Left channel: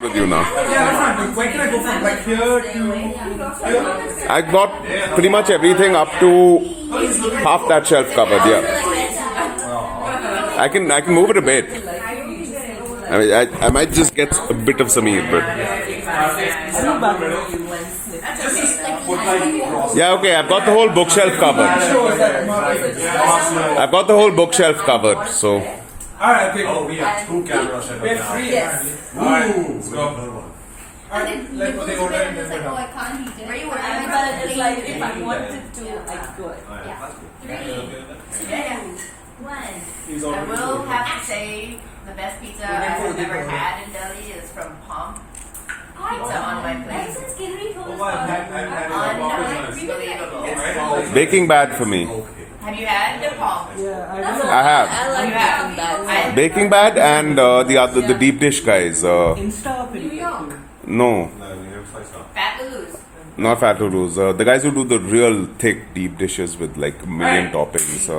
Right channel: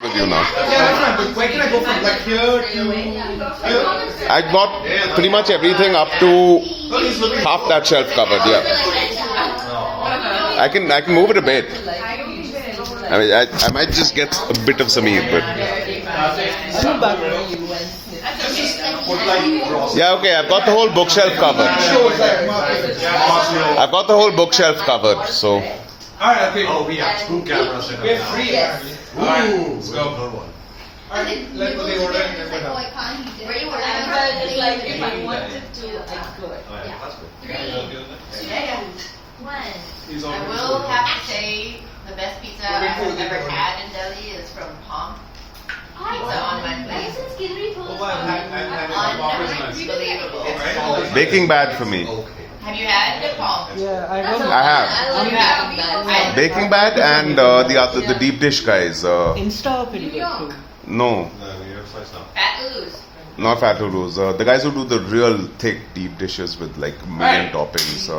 with you now. Yeah, that's fine. But where can I go from? Like here to here? I got pretty much everything up to half that shelf covered. Yeah, I can move it a bit. I mean, I might just get a bit of some eat, but yeah, okay. I've got the whole bookshelf covered. I've got the whole bookshelf covered. So Alright, okay. Oh, we have two cameras set up We're now. free apparently. Alright, Ooh. let's go. Third one. Alright, let go the order and then we're done. Where you were It's like if I wanted to, I could. That's good. I will have to say the best pizza I've ever had in Delhi is from Palm Pizza on my place. Unbelievable. baking bad for me. Have you had the Palm? I have You have. baking bad and the deep dish guys. Insta or video? No, No, New York slice now. Fat Lulu's. not Fat Lulu's. The guys who do the real thick deep dishes with like million toppings. I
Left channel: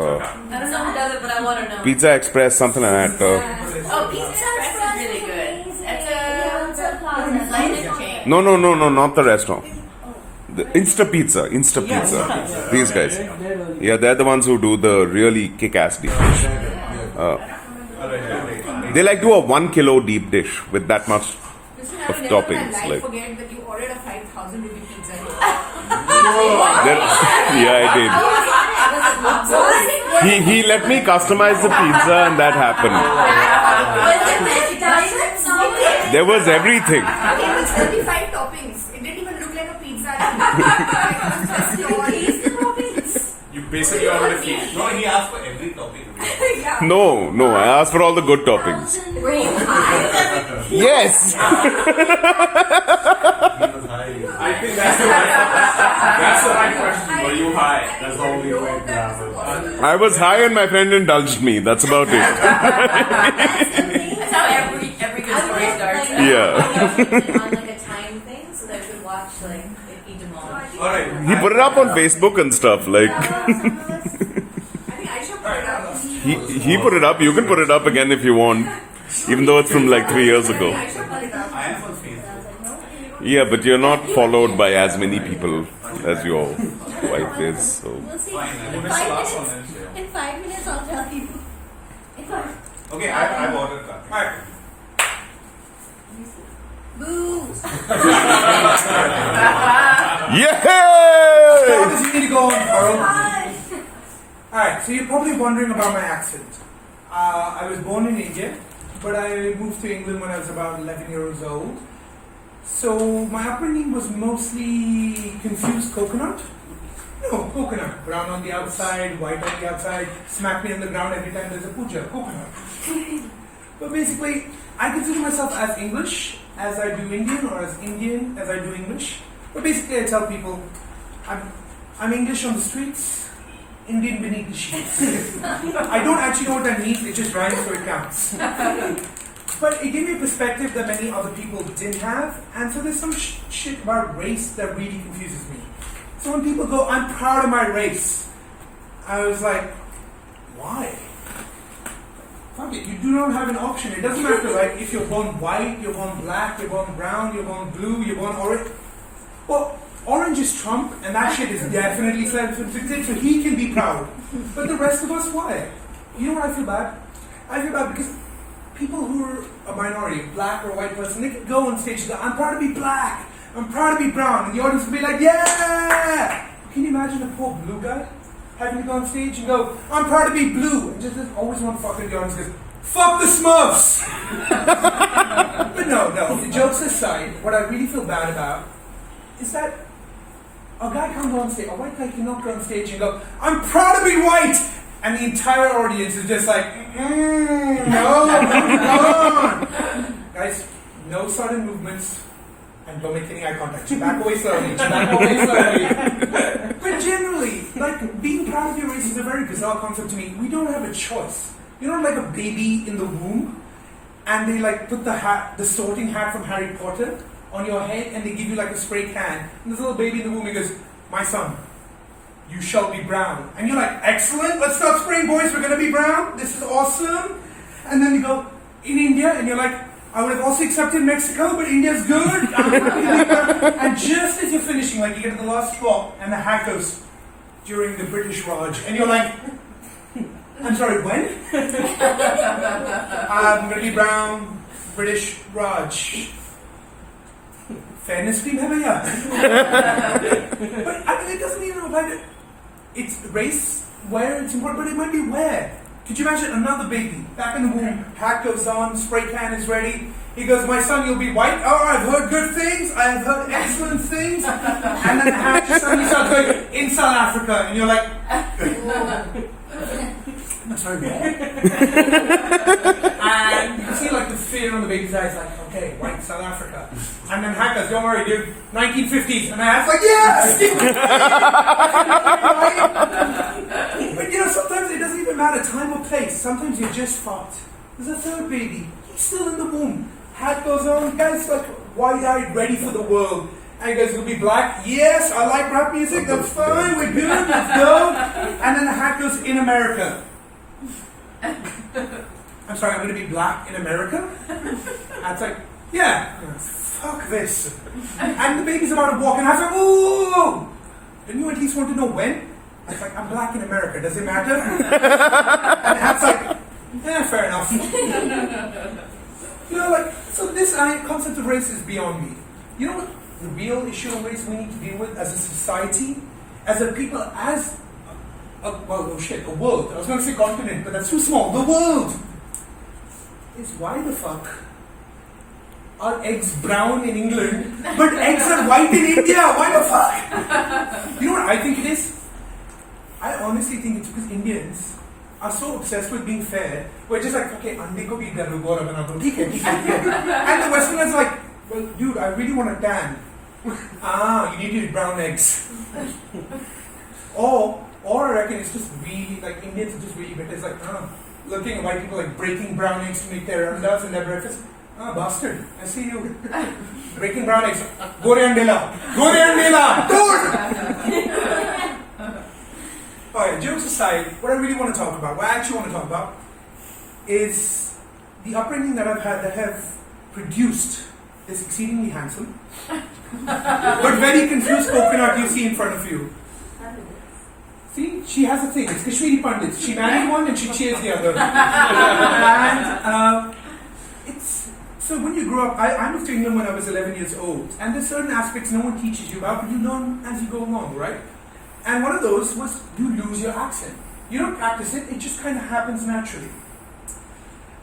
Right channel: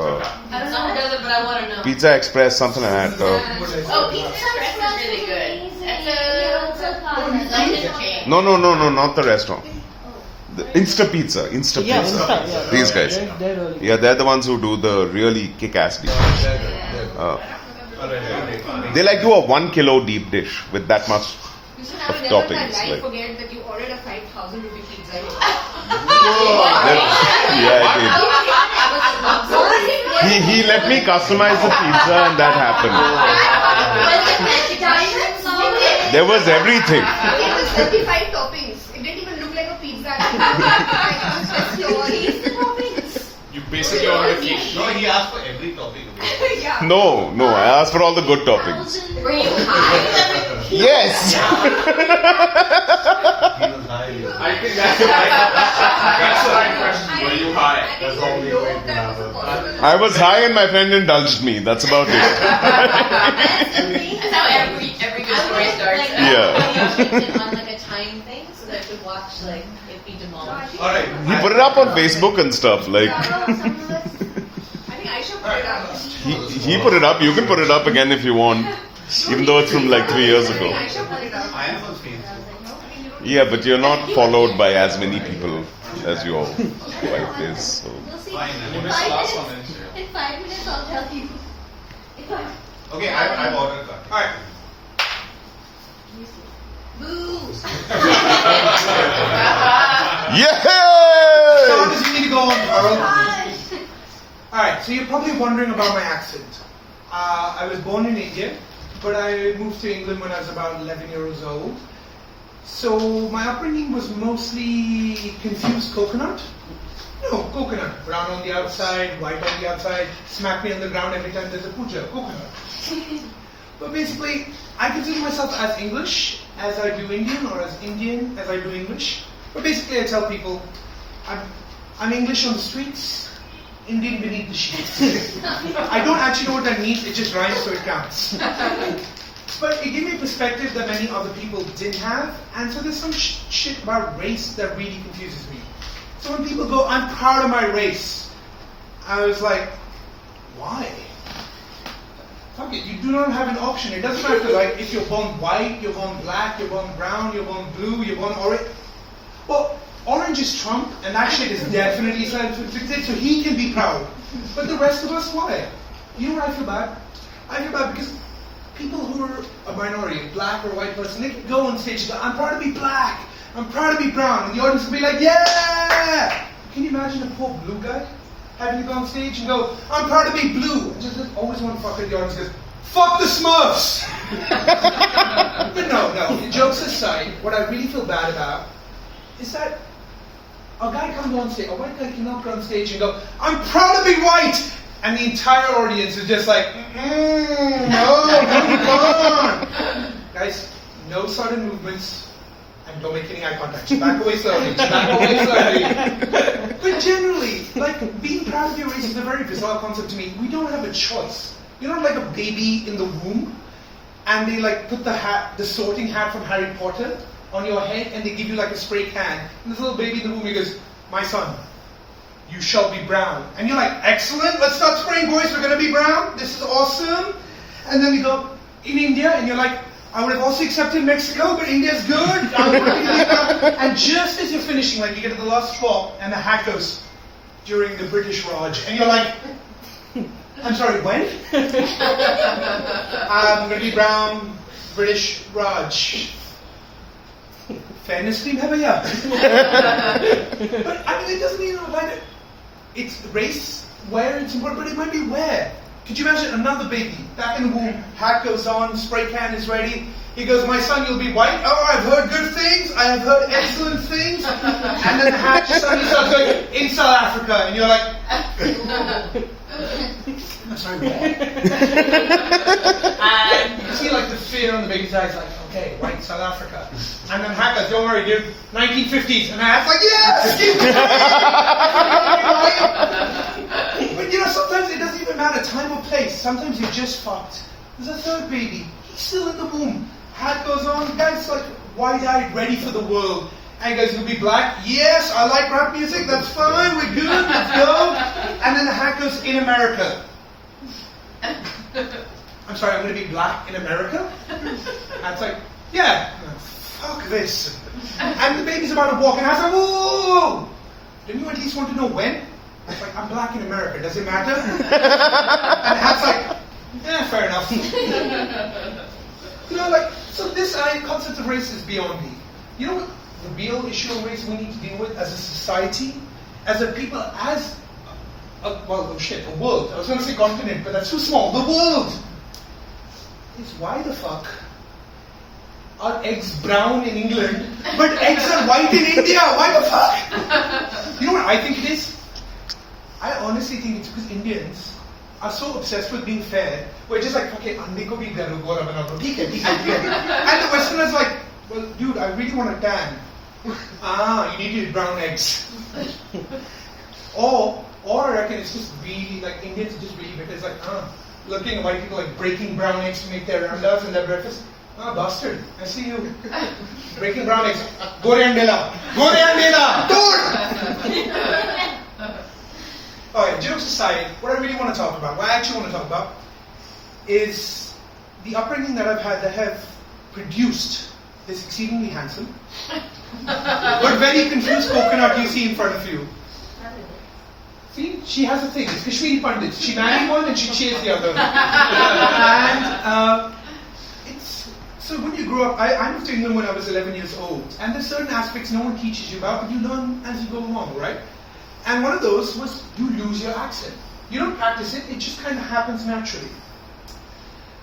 don't know who does it, but I want to know. Pizza Express, something like that. Oh, Pizza Express is really good. That's a London chain. No, not the restaurant. The Insta Pizza. These guys. Yeah, they're the ones who do the really kick-ass deep dish. They like do a 1 kilo deep dish with that much of toppings. Like, Forget that you ordered a 5,000 rupee pizza. yeah, I did. He let me customize the pizza, and that happened. There was everything. It was 35 toppings. It didn't even look like a pizza. Taste the toppings. You basically ordered a cake. No, he asked for every topic. Yeah. No, I asked for all the good toppings. Were you high? Yes. He was high. I think that's the right question. Were you high? That's the only way it can happen. I was high and my friend indulged me. That's about it. That's how every good story starts. Yeah. On like a time thing so that we watch like it be demolished. Alright. He put it up on Facebook and stuff. Like, I think I should put it up. he put it up. You can put it up again if you want. Even though it's from like 3 years ago. I should put it up. I am on Facebook. Yeah, but you're not followed by as many people as your wife is. So. We'll see. Fine. You missed the last one. In 5 minutes, I'll tell you. If I. Okay, I've ordered that. Alright. Boo! Yeah! Thomas, you need to go on, Carl. Alright, so you're probably wondering about my accent. I was born in India, but I moved to England when I was about 11 years old. So my upbringing was mostly confused coconut. No, coconut. Brown on the outside, white on the outside. Smack me on the ground every time there's a puja. Coconut. But basically, I consider myself as English as I do Indian, or as Indian as I do English. But basically, I tell people, I'm English on the streets, Indian beneath the sheets. I don't actually know what that means, it just rhymes so it counts. But it gave me a perspective that many other people didn't have, and so there's some shit about race that really confuses me. So when people go, I'm proud of my race, I was like, why? Fuck it, you do not have an option. It doesn't matter like if you're born white, you're born black, you're born brown, you're born blue, you're born orange. Well, orange is Trump, and that shit is definitely self-inflicted, so he can be proud. But the rest of us, why? You know what I feel bad? I feel bad because people who are a minority, a black or white person, they can go on stage and go, I'm proud to be black, I'm proud to be brown, and the audience will be like, yeah! Can you imagine a poor blue guy having to go on stage and go, I'm proud to be blue, and just always want to fuck with the audience goes, fuck the Smurfs! But no, jokes aside, what I really feel bad about is that a guy can't go on stage, a white guy cannot go on stage and go, I'm proud to be white! And the entire audience is just like, no, come on! Guys, no sudden movements, and don't make any eye contact. Just back away slowly, But generally, like, being proud of your race is a very bizarre concept to me. We don't have a choice. You're not like a baby in the womb, and they like put the sorting hat from Harry Potter on your head, and they give you like a spray can. And this little baby in the womb, he goes, my son, you shall be brown. And you're like, excellent, let's start spraying, boys, we're gonna be brown. This is awesome. And then we go, in India, and you're like, I would have also accepted Mexico, but India's good. I'm happy to leave that. And just as you're finishing, like you get to the last spot, and the hat goes, during the British Raj, and you're like, I'm sorry, when? I'm going to be brown, British Raj. Fairness cream hai bhaiya. But I mean, it doesn't even apply to, it's race, where it's important, but it might be where. Could you imagine another baby, back in the womb, hat goes on, spray can is ready. He goes, my son, you'll be white. Oh, I've heard good things. I have heard excellent things. And then the hat suddenly starts going, in South Africa. And you're like, I'm sorry, what? And you see like the fear on the baby's eyes, like, okay, white South Africa. And then hat goes, don't worry, dude, 1950s. And the hat's like, yes! But you know, sometimes it doesn't even matter time or place. Sometimes you're just fucked. There's a third baby. He's still in the womb. Hat goes on. Guy's like wide-eyed, ready for the world. And he goes, you'll be black? Yes, I like rap music. That's fine. We're good. Let's go. And then the hat goes, in America. I'm sorry, I'm going to be black in America? And it's like, yeah. Fuck this. And the baby's about to walk and I was like, whoa! Don't you at least want to know when? I was like, I'm black in America. Does it matter? And Hat's like, fair enough. You know, like, so this concept of race is beyond me. You know what the real issue of race we need to deal with as a society, as a people, as a world. I was going to say continent, but that's too small. The world is why the fuck are eggs brown in England, but eggs are white in India? Why the fuck? You know what I think it is? I honestly think it's because Indians are so obsessed with being fair, we're just like, okay, ande ko bhi garu gora bana do. And the Westerners like, well, dude, I really want a tan. You need to eat brown eggs. Or I reckon it's just really, like, Indians are just really better. It's like, looking at white people like breaking brown eggs to make their andas and their breakfast. Bastard, I see you. Breaking brown eggs. Go de andela. Dude! Alright, jokes aside, what I really want to talk about, what I actually want to talk about, is the upbringing that I've had that have produced this exceedingly handsome, but very confused coconut you see in front of you. See, she has a thing. It's Kashmiri Pandits. She married one and she cheers the other. And so when you grow up, I moved to England when I was 11 years old, and there's certain aspects no one teaches you about, but you learn as you go along, right? And one of those was you lose your accent. You don't practice it; it just kind of happens naturally.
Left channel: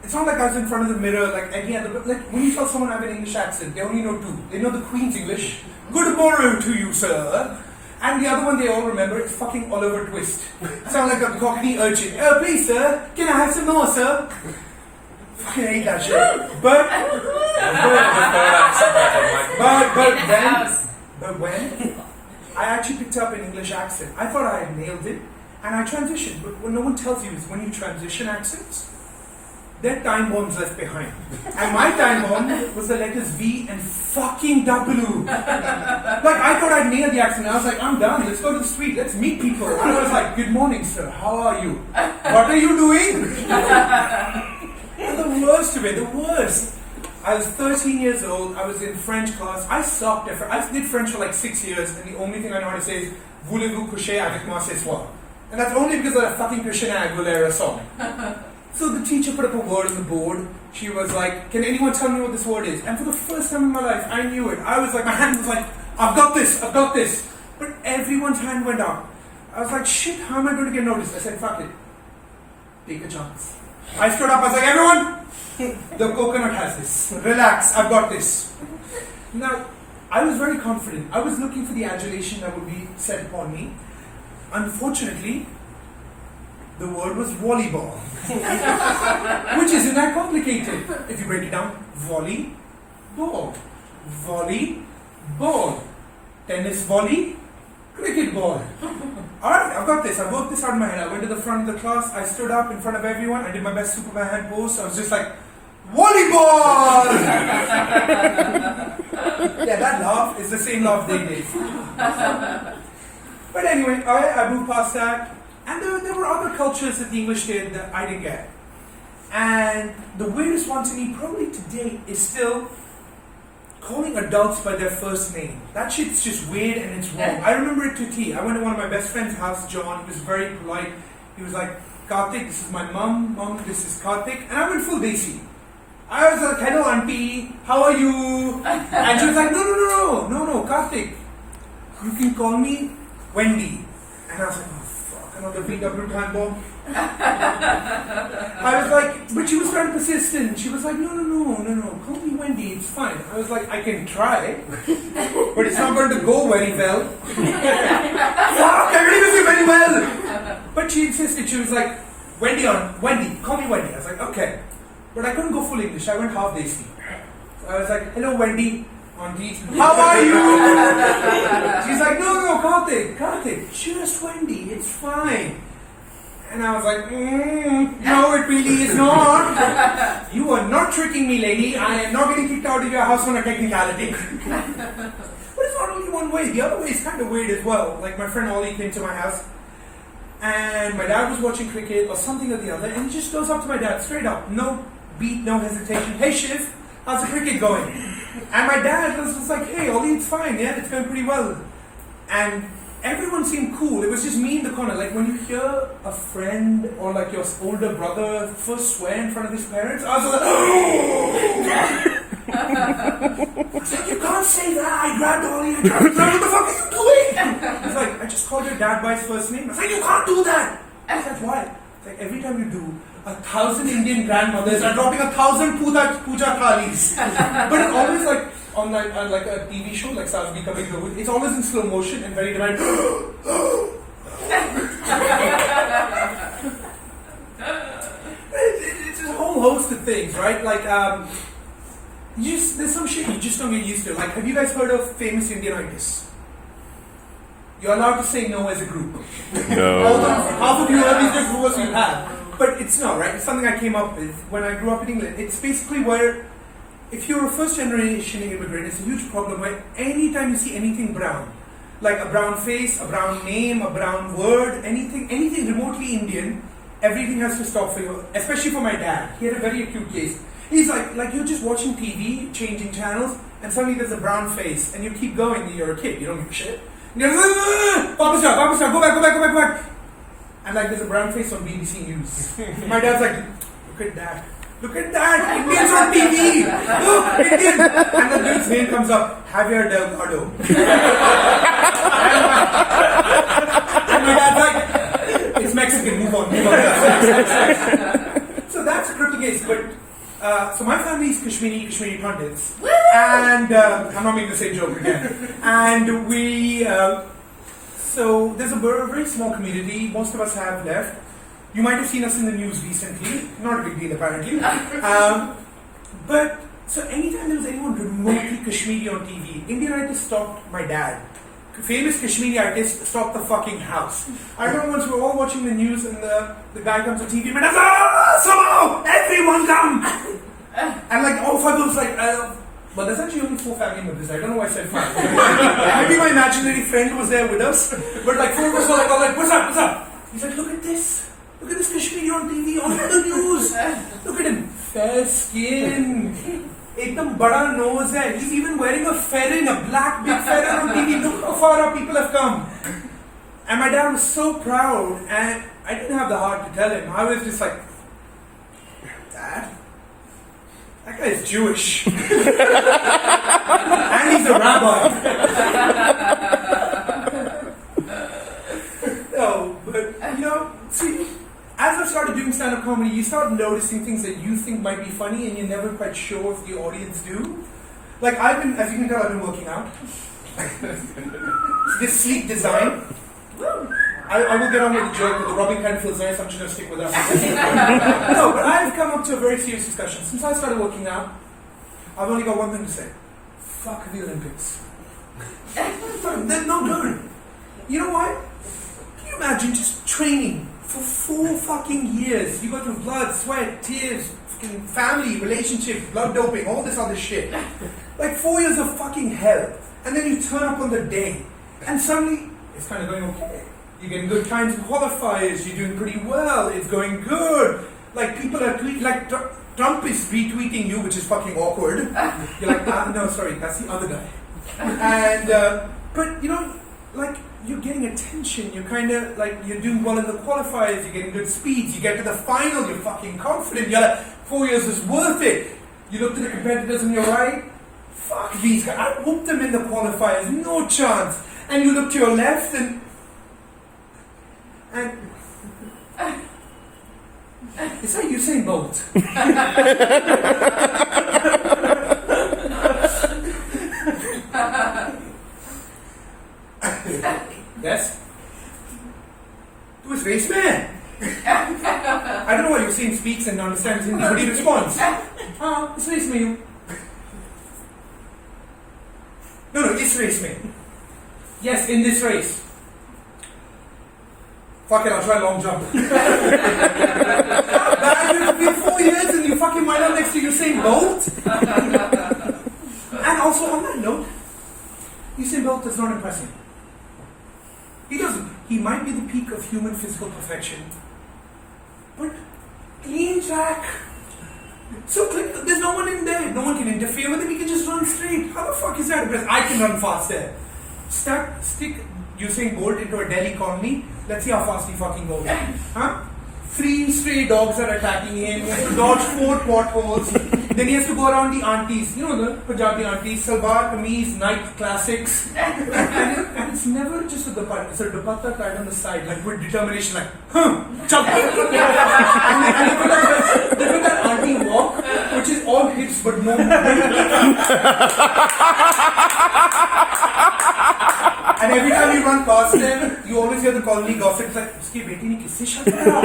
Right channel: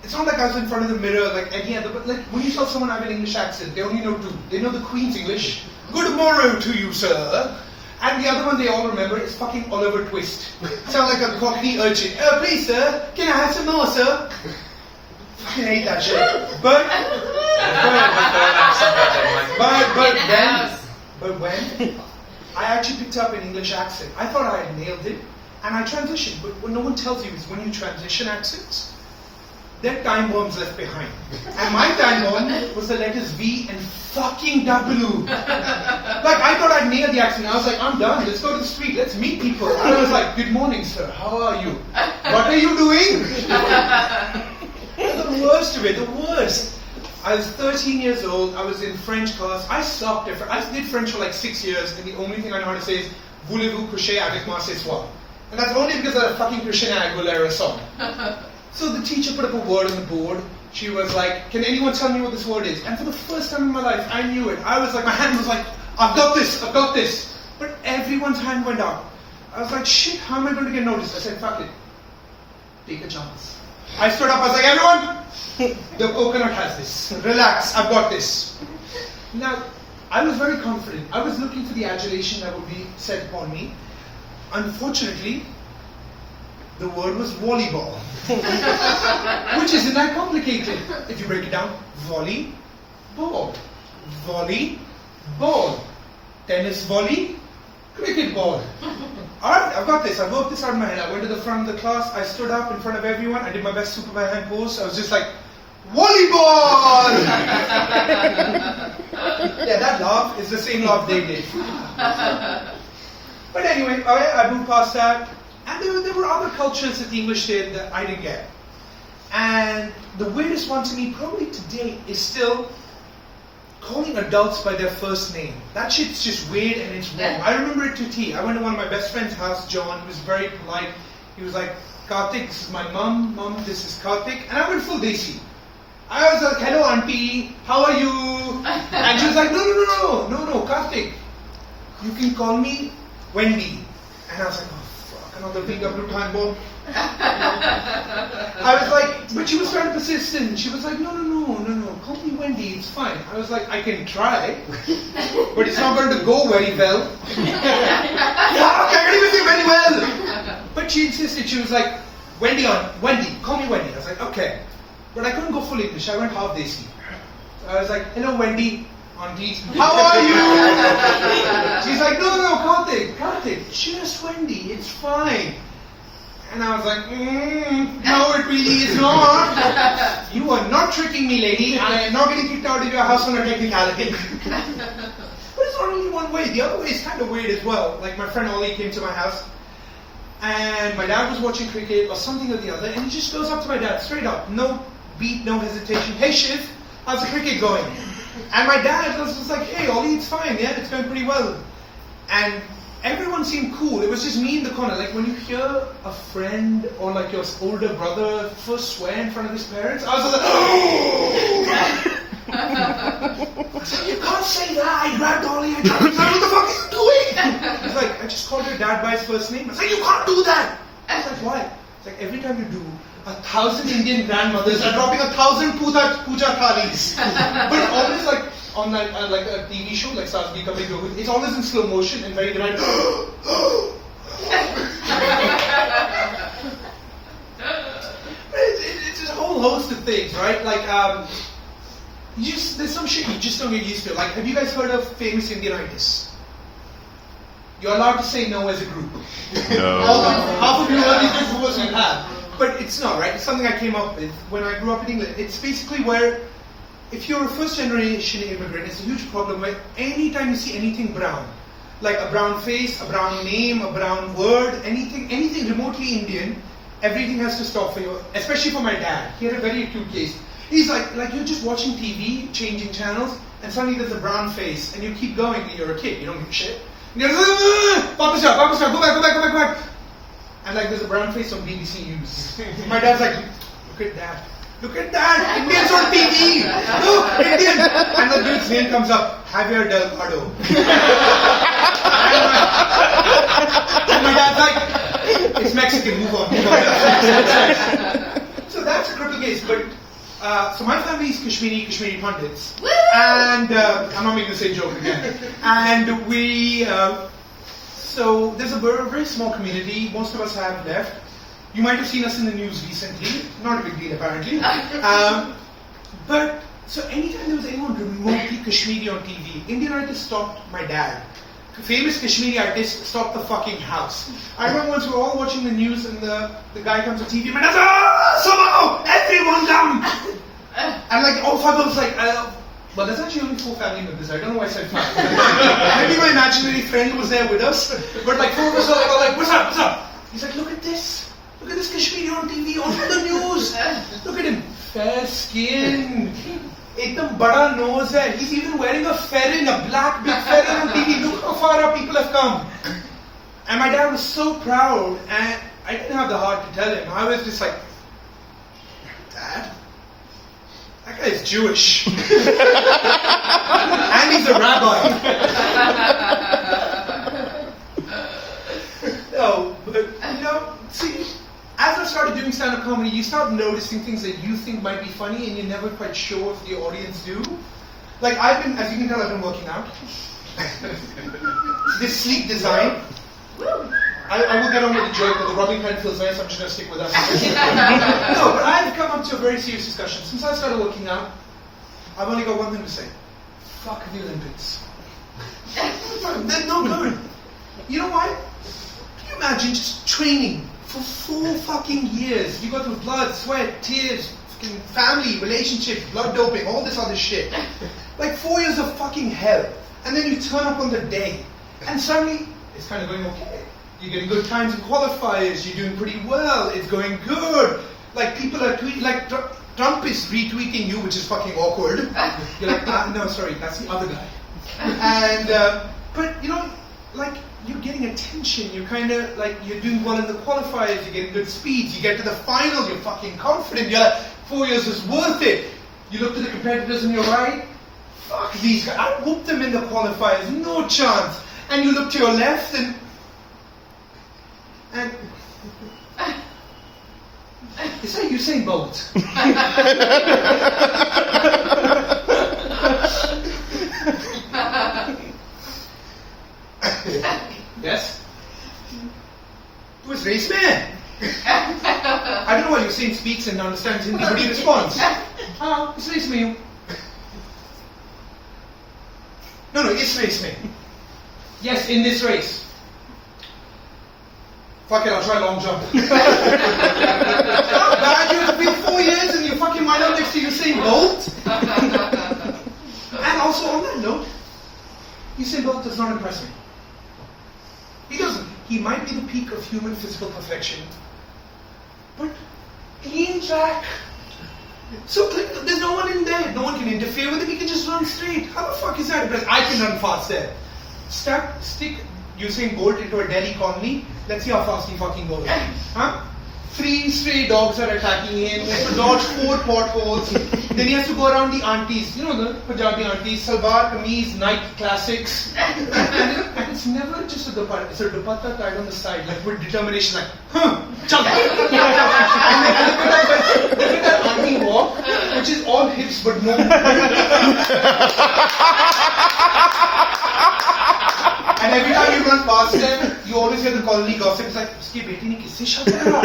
It's not like I was in front of the mirror, like any other. But like when you saw someone have an English accent, they only know two. They know the Queen's English. Good morrow to you, sir. And the other one they all remember is fucking Oliver Twist. Sound like a Cockney urchin. Please, sir, can I have some more, sir? Fucking hate that shit. But when I actually picked up an English accent, I thought I had nailed it, and I transitioned. But what no one tells you is when you transition accents, there are time bombs left behind. And my time bomb was the letters V and fucking W. Like, I thought I'd nailed the accent. I was like, I'm done. Let's go to the street. Let's meet people. And I was like, good morning, sir. How are you? What are you doing? And the worst of it, the worst. I was 13 years old. I was in French class. I sucked at French. I did French for like 6 years. And the only thing I know how to say is, voulez-vous coucher avec moi ce soir? And that's only because of that fucking Christina Aguilera song. So the teacher put up a word on the board. She was like, can anyone tell me what this word is? And for the first time in my life, I knew it. I was like, my hand was like, I've got this. But everyone's hand went up. I was like, shit, how am I going to get noticed? I said, fuck it. Take a chance. I stood up, I was like, everyone, the coconut has this. Relax, I've got this. Now, I was very confident. I was looking for the adulation that would be set upon me. Unfortunately, the word was volleyball. Which isn't that complicated. If you break it down, volley, ball. Volley, ball. Tennis volley, cricket ball. Alright, I've got this. I worked this out in my head. I went to the front of the class. I stood up in front of everyone. I did my best Superman hand pose. I was just like, volleyball! Yeah, that laugh is the same laugh they did. But anyway, I moved past that. And there were other cultures that the English did that I didn't get. And the weirdest one to me, probably to date, is still calling adults by their first name. That shit's just weird and it's wrong. I remember it to T. I went to one of my best friend's house, John. He was very polite. He was like, Karthik, this is my mum. Mum, this is Karthik. And I went full Desi. I was like, hello auntie, how are you? And she was like, no, Karthik. You can call me Wendy. And I was like, oh fuck, another VW time bomb. I was like, but she was trying to persistent. She was like, no, call me Wendy, it's fine. I was like, I can try, but it's not going to go very well. Fuck, I can't even say very well. But she insisted, she was like, Wendy, call me Wendy. I was like, okay. But I couldn't go full English, I went half Desi. So I was like, hello Wendy, auntie, how are you? She's like, no, Karthik, just Wendy, it's fine. And I was like, no, it really is not. You are not tricking me, lady. I am not getting kicked out of your house on a technicality. But it's not only one way. The other way is kind of weird as well. Like my friend Ollie came to my house, and my dad was watching cricket or something or the other, and he just goes up to my dad straight up, no beat, no hesitation. Hey Shiv, how's the cricket going? And my dad was just like, hey Ollie, it's fine, yeah, it's going pretty well. And everyone seemed cool. It was just me in the corner. Like when you hear a friend or like your older brother first swear in front of his parents, I was like, oh! I was like, you can't say that. I grabbed Ollie. I tried to tell him, what the fuck are you doing? He's like, I just called your dad by his first name. I was like, you can't do that. I was like, why? It's like every time you do, 1,000 Indian grandmothers are dropping 1,000 puja thalis. But it's always like on like a TV show like Saas Bhi Kabhi Kabhi, it's always in slow motion and very dramatic. It's a whole host of things, right? Like there's some shit you just don't get used to. Like, have you guys heard of famous Indianitis? You're allowed to say no as a group. No. Half of you early groupers you have. But it's not, right? It's something I came up with when I grew up in England. It's basically where, if you're a first generation immigrant, it's a huge problem where anytime you see anything brown, like a brown face, a brown name, a brown word, anything remotely Indian, everything has to stop for you, especially for my dad. He had a very acute case. He's like you're just watching TV, changing channels, and suddenly there's a brown face, and you keep going, and you're a kid, you don't give a shit. And you're like, Papa stop, go back. And like there's a brown face on BBC News. My dad's like, look at that, Indians on TV, look, Indian. And the dude's name comes up, Javier Delgado. And my dad's like, it's Mexican, move on. So that's a critical case, but so my family is Kashmiri Pandits. Woo! And I'm not making the same joke again. And we, so there's a very small community, most of us have left. You might have seen us in the news recently, not a big deal apparently. But, so anytime there was anyone remotely Kashmiri on TV, Indian artists stopped my dad. Famous Kashmiri artist stopped the fucking house. I remember once we were all watching the news and the guy comes on TV and my dad's like, somehow, everyone come! And like all five of us like, but there's actually only 4 family members. I don't know why I said 5. Maybe my imaginary friend was there with us. But like 4 of us were like, what's up? He's like, look at this Kashmiri on TV, on the news. Look at him, fair skin. Ekdam bada nose hai. He's even wearing a ferrin, a black big ferrin on TV. Look how far our people have come. And my dad was so proud, and I didn't have the heart to tell him. I was just like, Dad, that guy is Jewish. And he's a rabbi. No, but see, as I started doing stand-up comedy, you start noticing things that you think might be funny and you're never quite sure if the audience do. Like as you can tell, I've been working out. This sleek design. I will get on with the joke, but the rubbing kind of feels nice, I'm just going to stick with us. No, but I've come up to a very serious discussion. Since I started working out, I've only got one thing to say. Fuck the Olympics. They're no good. You know why? Can you imagine just training for 4 fucking years? You go through blood, sweat, tears, fucking family, relationships, blood doping, all this other shit. Like 4 years of fucking hell. And then you turn up on the day. And suddenly, it's kind of going okay. You're getting good times in qualifiers, you're doing pretty well, it's going good. like people are tweeting, like Trump is retweeting you, which is fucking awkward. You're like, no, sorry, that's the other guy. And but you know, like you're getting attention. You're kind of like you're doing well in the qualifiers. You're getting good speeds. You get to the final. You're fucking confident. You're like 4 years is worth it. You look to the competitors on your right. Fuck these guys. I whooped them in the qualifiers. No chance. And you look to your left and it's like Usain Bolt. Yes? It was race man. I don't know why Usain speaks and understands Hindi, but he responds. It's race man. No, it's race man. Yes, in this race. Fuck it, I'll try long jump. How bad you've been 4 years and you fucking wind up next to Usain Bolt? And also on that note, Usain Bolt does not impress me. He doesn't. He might be the peak of human physical perfection. But clean track. So there's no one in there. No one can interfere with him. He can just run straight. How the fuck is that impressive? I can run fast there. Stick Usain Bolt into a Delhi colony. Let's see how fast he fucking goes. Huh? 3 stray dogs are attacking him. He has to dodge 4 potholes. Then he has to go around the aunties. You know the Punjabi aunties. Salwar, kameez, Nike classics. And it's never just a dupatta. It's a dupatta tied on the side, like with determination, like, chal. And look at that auntie walk, which is all hips but no. And every time you run past them, you always hear the colony gossip. It's like, uski beti ne kisse shot kara?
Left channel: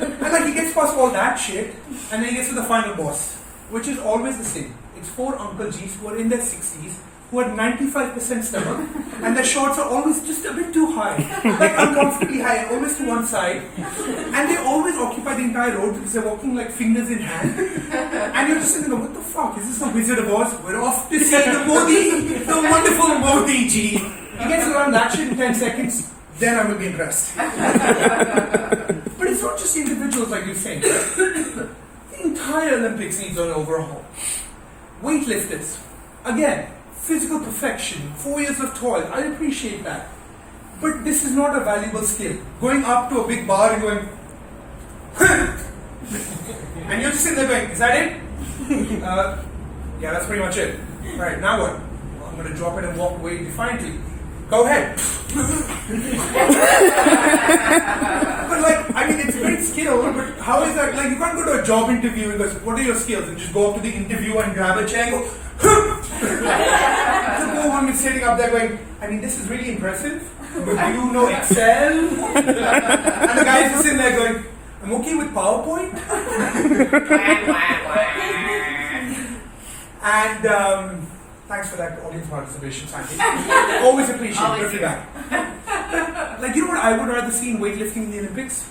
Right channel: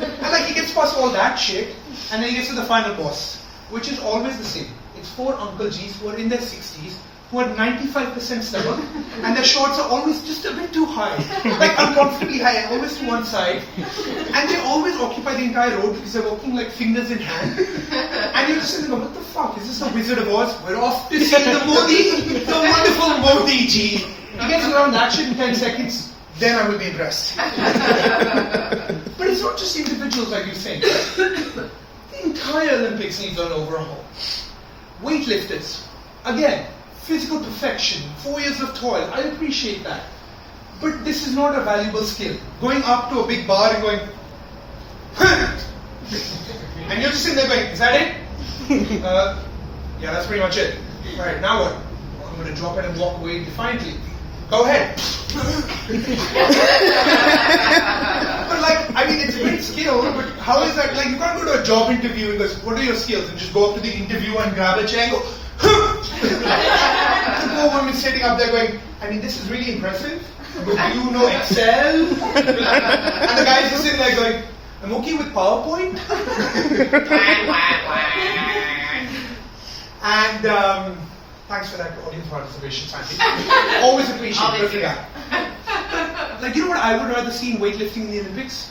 And like he gets past all that shit, and then he gets to the final boss, which is always the same. It's 4 Uncle G's who are in their 60s, who are 95% stomach, and their shorts are always just a bit too high, like uncomfortably high, always to one side, and they always occupy the entire road because they're walking like fingers in hand, and you're just thinking, what the fuck, is this the Wizard of Oz? We're off to see the Modi, the wonderful Modi Ji. He gets around that shit in 10 seconds, then I will be impressed. But it's not just individuals like you're saying. The entire Olympics needs an overhaul. Weightlifters, again, physical perfection, 4 years of toil, I appreciate that. But this is not a valuable skill. Going up to a big bar and going, and you're just sitting there going, is that it? Yeah, that's pretty much it. Right, now what? Well, I'm going to drop it and walk away defiantly. Go ahead. But like, I mean, it's a great skill, but how is that? Like, you can't go to a job interview and go, what are your skills? And just go up to the interviewer and grab a chair and go, the poor one is sitting up there going, I mean, this is really impressive. Do you know Excel? And the guy is just sitting there going, I'm okay with PowerPoint. And thanks for that audience participation, Sandy. Always appreciate it. Good guy. Like, you know what I would rather see in weightlifting in the Olympics?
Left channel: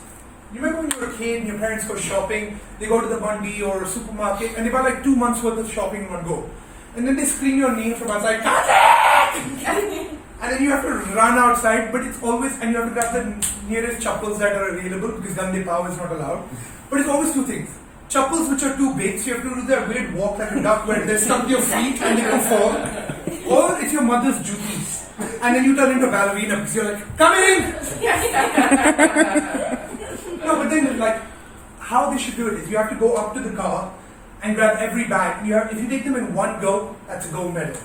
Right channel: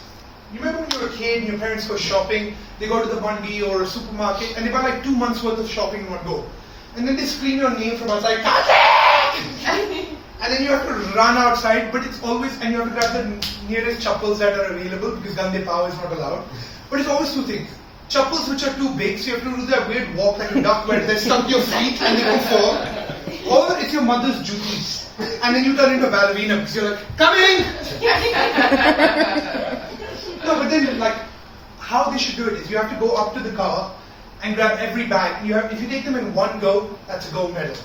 You remember when you were a kid and your parents go shopping, they go to the Bundy or a supermarket and they buy like 2 months worth of shopping in one go. And then they scream your name from outside, Karthik! And then you have to run outside, but it's always, and you have to grab the nearest chappals that are available because Gande Pav is not allowed. But it's always 2 things. Chappals which are too big, so you have to do that weird walk like a duck where they stump your feet and they can fall. Or it's your mother's jutis. And then you turn into a ballerina because you're like, coming! No, but then like, how they should do it is you have to go up to the car and grab every bag. If you take them in one go, that's a gold medal.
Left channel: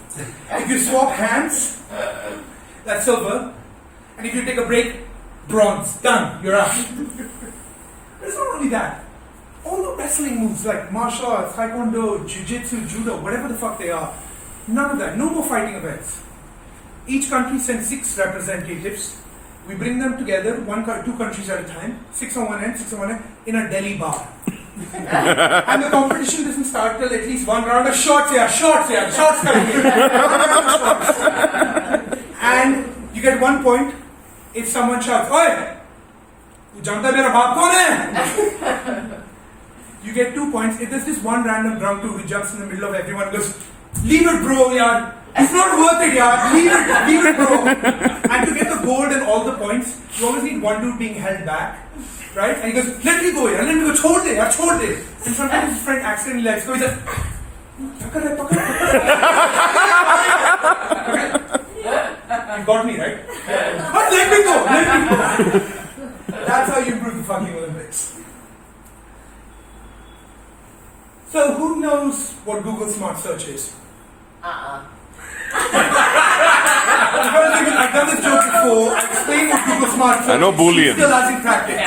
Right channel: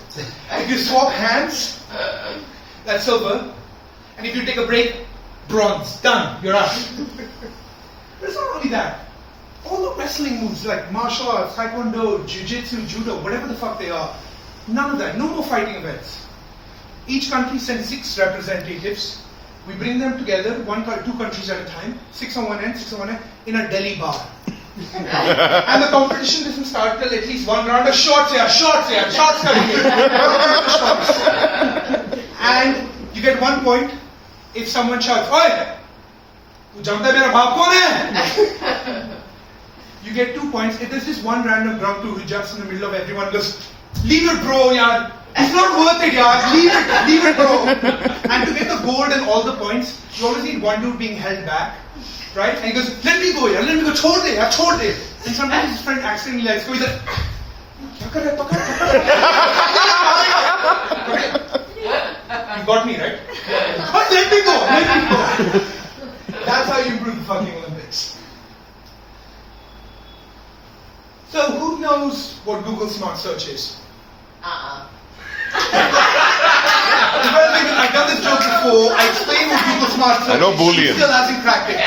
If you swap hands, that's silver. And if you take a break, bronze. Done. You're out. But it's not only that. All the wrestling moves like martial arts, taekwondo, jiu-jitsu, judo, whatever the fuck they are, none of that. No more fighting events. Each country sends 6 representatives. We bring them together, 2 countries at a time, 6 on one end, 6 on one end, in a Delhi bar. And the competition doesn't start till at least 1 round of shots coming in. And you get 1 point if someone shouts, Oi! Tu janta hai mera baap kaun hai? You get 2 points if there's just one random drunk dude who jumps in the middle of everyone and goes, leave it bro, yaar. It's not worth it, yaar. Leave it bro. And to get the gold and all the points, you always need one dude being held back. right? And he goes, let me go, let me go, chhod de. And sometimes his friend accidentally lets go. He's like, kya kar raha hai, pakad. You got me, right? But let me go. That's how you improve the fucking Olympics. So who knows what Google Smart Search is? I've done this joke before. I explained what Google Smart Search I know is. Boolean. She still hasn't cracked it.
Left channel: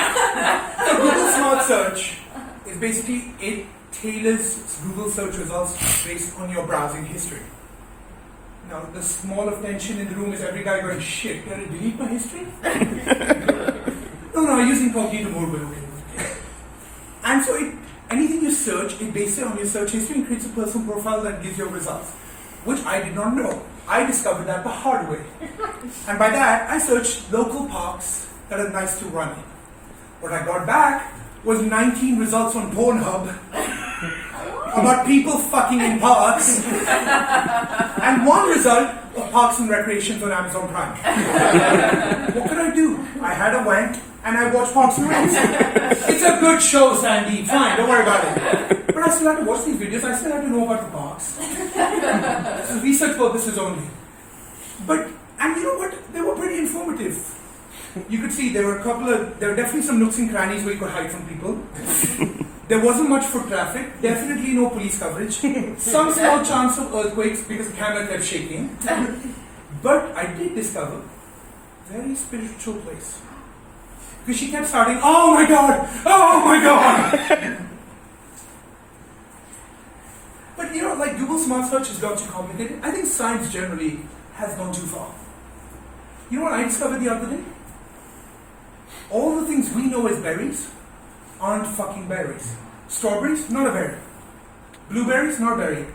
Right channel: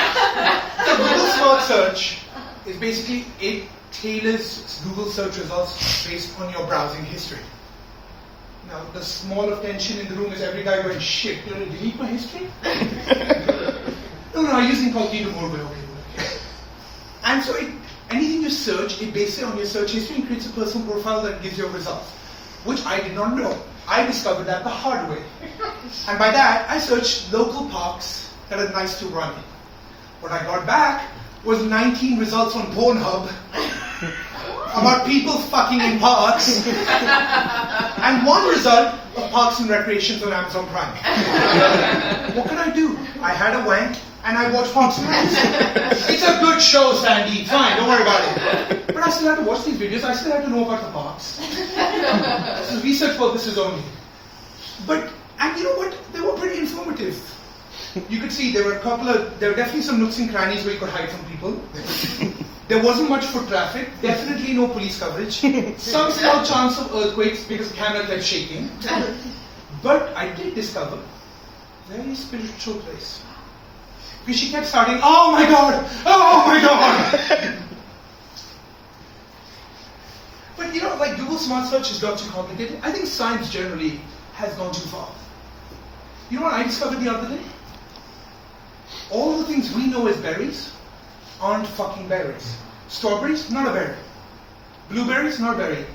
So Google Smart Search is basically, it tailors Google search results based on your browsing history. Now, the small of tension in the room is every guy going, shit, did I delete my history? No, I use incognito mode, but okay. And so anything you search, it bases it on your search history and creates a personal profile that gives you results, which I did not know. I discovered that the hard way. And by that, I searched local parks that are nice to run in. What I got back was 19 results on Pornhub about people fucking in parks, and one result of Parks and Recreations on Amazon Prime. What could I do? I had a wank and I watched Parks and Rec. It's a good show, Sandy. Fine, don't worry about it. But I still had to watch these videos. I still had to know about the parks. This is research purposes only. And you know what? They were pretty informative. You could see there were definitely some nooks and crannies where you could hide from people. There wasn't much foot traffic, definitely no police coverage, some small chance of earthquakes because the camera kept shaking. But I did discover a very spiritual place. Because she kept starting, oh my God! But you know, like Google Smart Search has got too complicated. I think science generally has gone too far. You know what I discovered the other day? All the things we know as berries aren't fucking berries. Strawberries, not a berry. Blueberries, not a berry.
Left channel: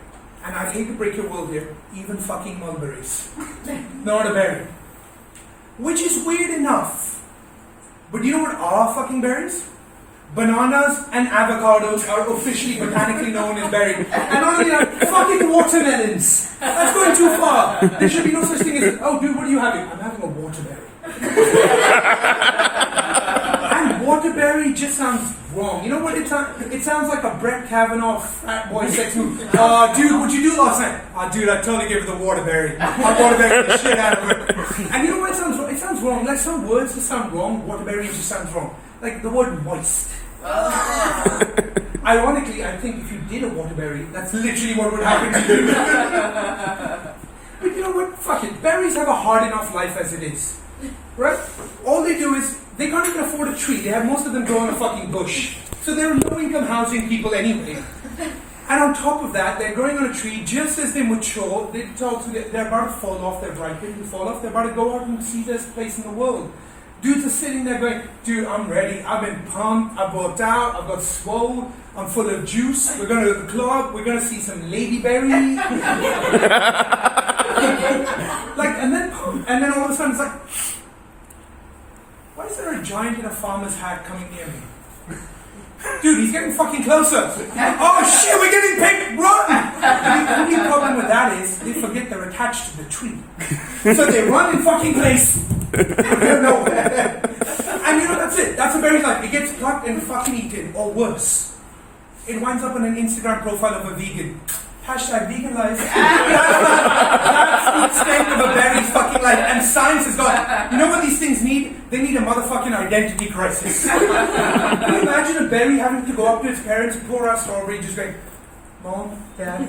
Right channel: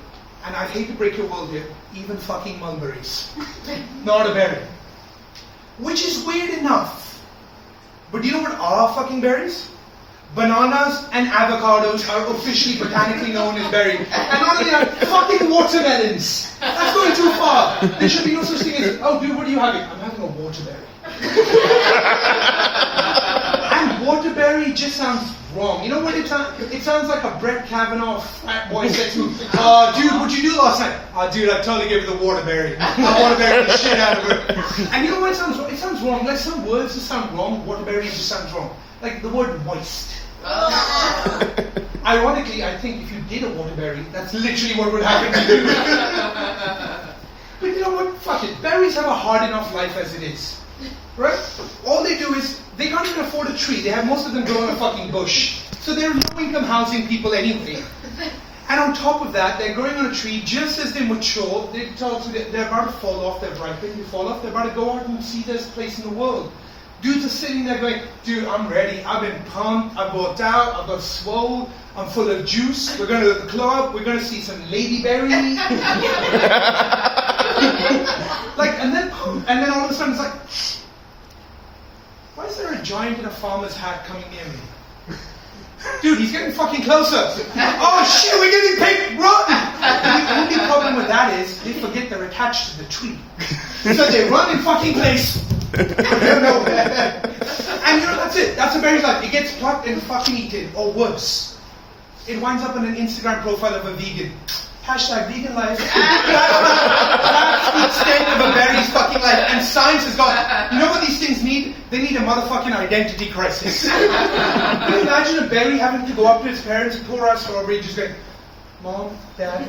And I hate to break your world here, even fucking mulberries. Not a berry. Which is weird enough. But you know what are fucking berries? Bananas and avocados are officially botanically known as berries. And not only that, fucking watermelons. That's going too far. There should be no such thing as, oh dude, what are you having? I'm having a waterberry. And waterberry just sounds wrong. You know what it sounds? It sounds like a Brett Kavanaugh fat boy sex move. Dude, what'd you do last night? Dude, I totally gave it the waterberry. I waterberry the shit out of it. And you know what it sounds wrong? It sounds wrong. Like some words just sound wrong. Waterberry just sounds wrong. Like the word moist. Ironically, I think if you did a waterberry, that's literally what would happen to you. But you know what? Fuck it. Berries have a hard enough life as it is. Right? All they do is, they can't even afford a tree. They have most of them grow in a fucking bush. So they're low-income housing people anyway. And on top of that, they're growing on a tree just as they mature. They're about to fall off, they're ripened, they fall off, they're about to go out and see their place in the world. Dudes are sitting there going, dude, I'm ready, I've been pumped, I've worked out, I've got swole, I'm full of juice, we're going to the club, we're going to see some ladyberry. and then all of a sudden it's like, why is there a giant in a farmer's hat coming near me? Dude, he's getting fucking closer. Oh shit, we're getting picked, run! The only problem with that is, they forget they're attached to the tree. So they run in fucking place. They're nowhere. And you know, that's it. That's a berry life. It gets plucked and fucking eaten, or worse. It winds up on an Instagram profile of a vegan. Hashtag vegan life. That's the extent of a berry's fucking life. And science has got, you know what these things need? They need a motherfucking identity crisis. Can you imagine a berry having to go up to its parents and pour out strawberry, just going, Mom, Dad,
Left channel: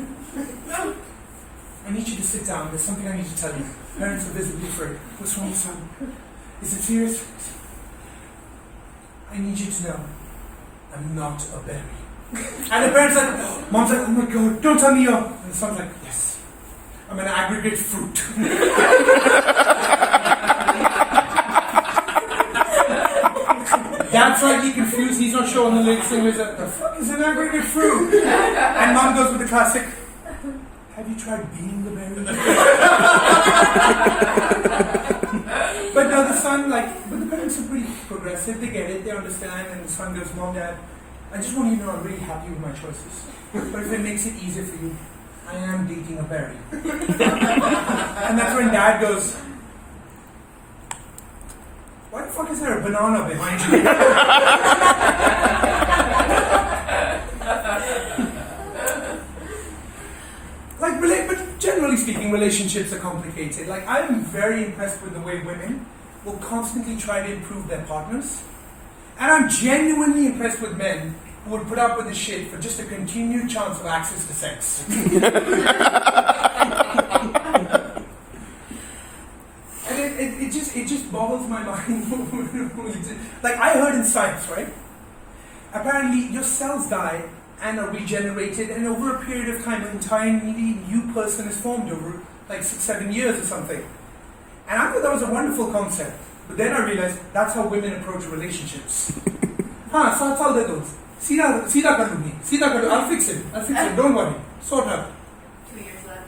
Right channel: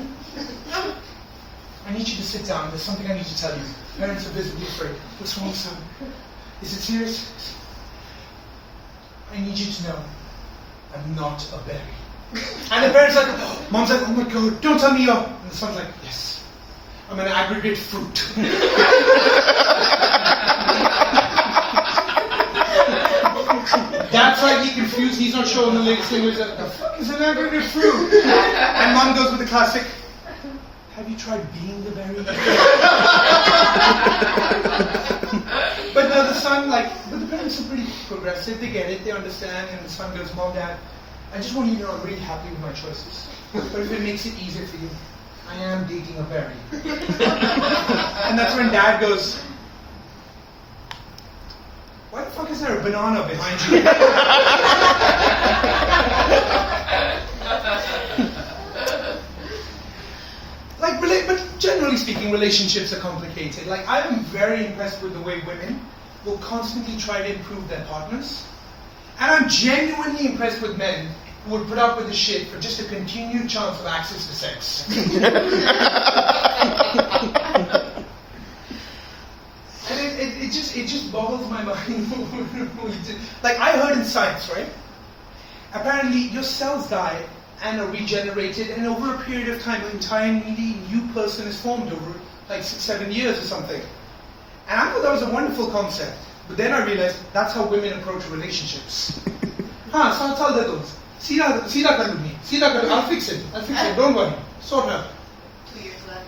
I need you to sit down. There's something I need to tell you. Parents are visibly afraid. What's wrong, son? Is it serious? I need you to know I'm not a berry. And the parents are like, Mom's like, oh my God, don't tell me you're. And the son's like, yes, I'm an aggregate fruit. Dad's slightly confused, he's not sure on the latest thing. He's like, the fuck is an aggregate fruit? And Mom goes with the classic, have you tried being the berry? But no, the son, but the parents are pretty progressive, they get it, they understand, and the son goes, Mom, Dad, I just want you to know I'm really happy with my choices. But if it makes it easier for you, I am dating a berry. And that's when Dad goes, why the fuck fuck is there a banana behind you? But generally speaking, relationships are complicated. Like, I'm very impressed with the way women will constantly try to improve their partners. And I'm genuinely impressed with men who would put up with the shit for just a continued chance of access to sex. And it just boggles my mind. Like, I heard in science, right? Apparently, your cells die and are regenerated, and over a period of time, an entirely new person is formed over like 6-7 years or something. And I thought that was a wonderful concept. But then I realized that's how women approach relationships. Saat saal de do. Seedha kar lungi. Seedha kar. I'll fix it. Don't worry. Sort out. 2 years left.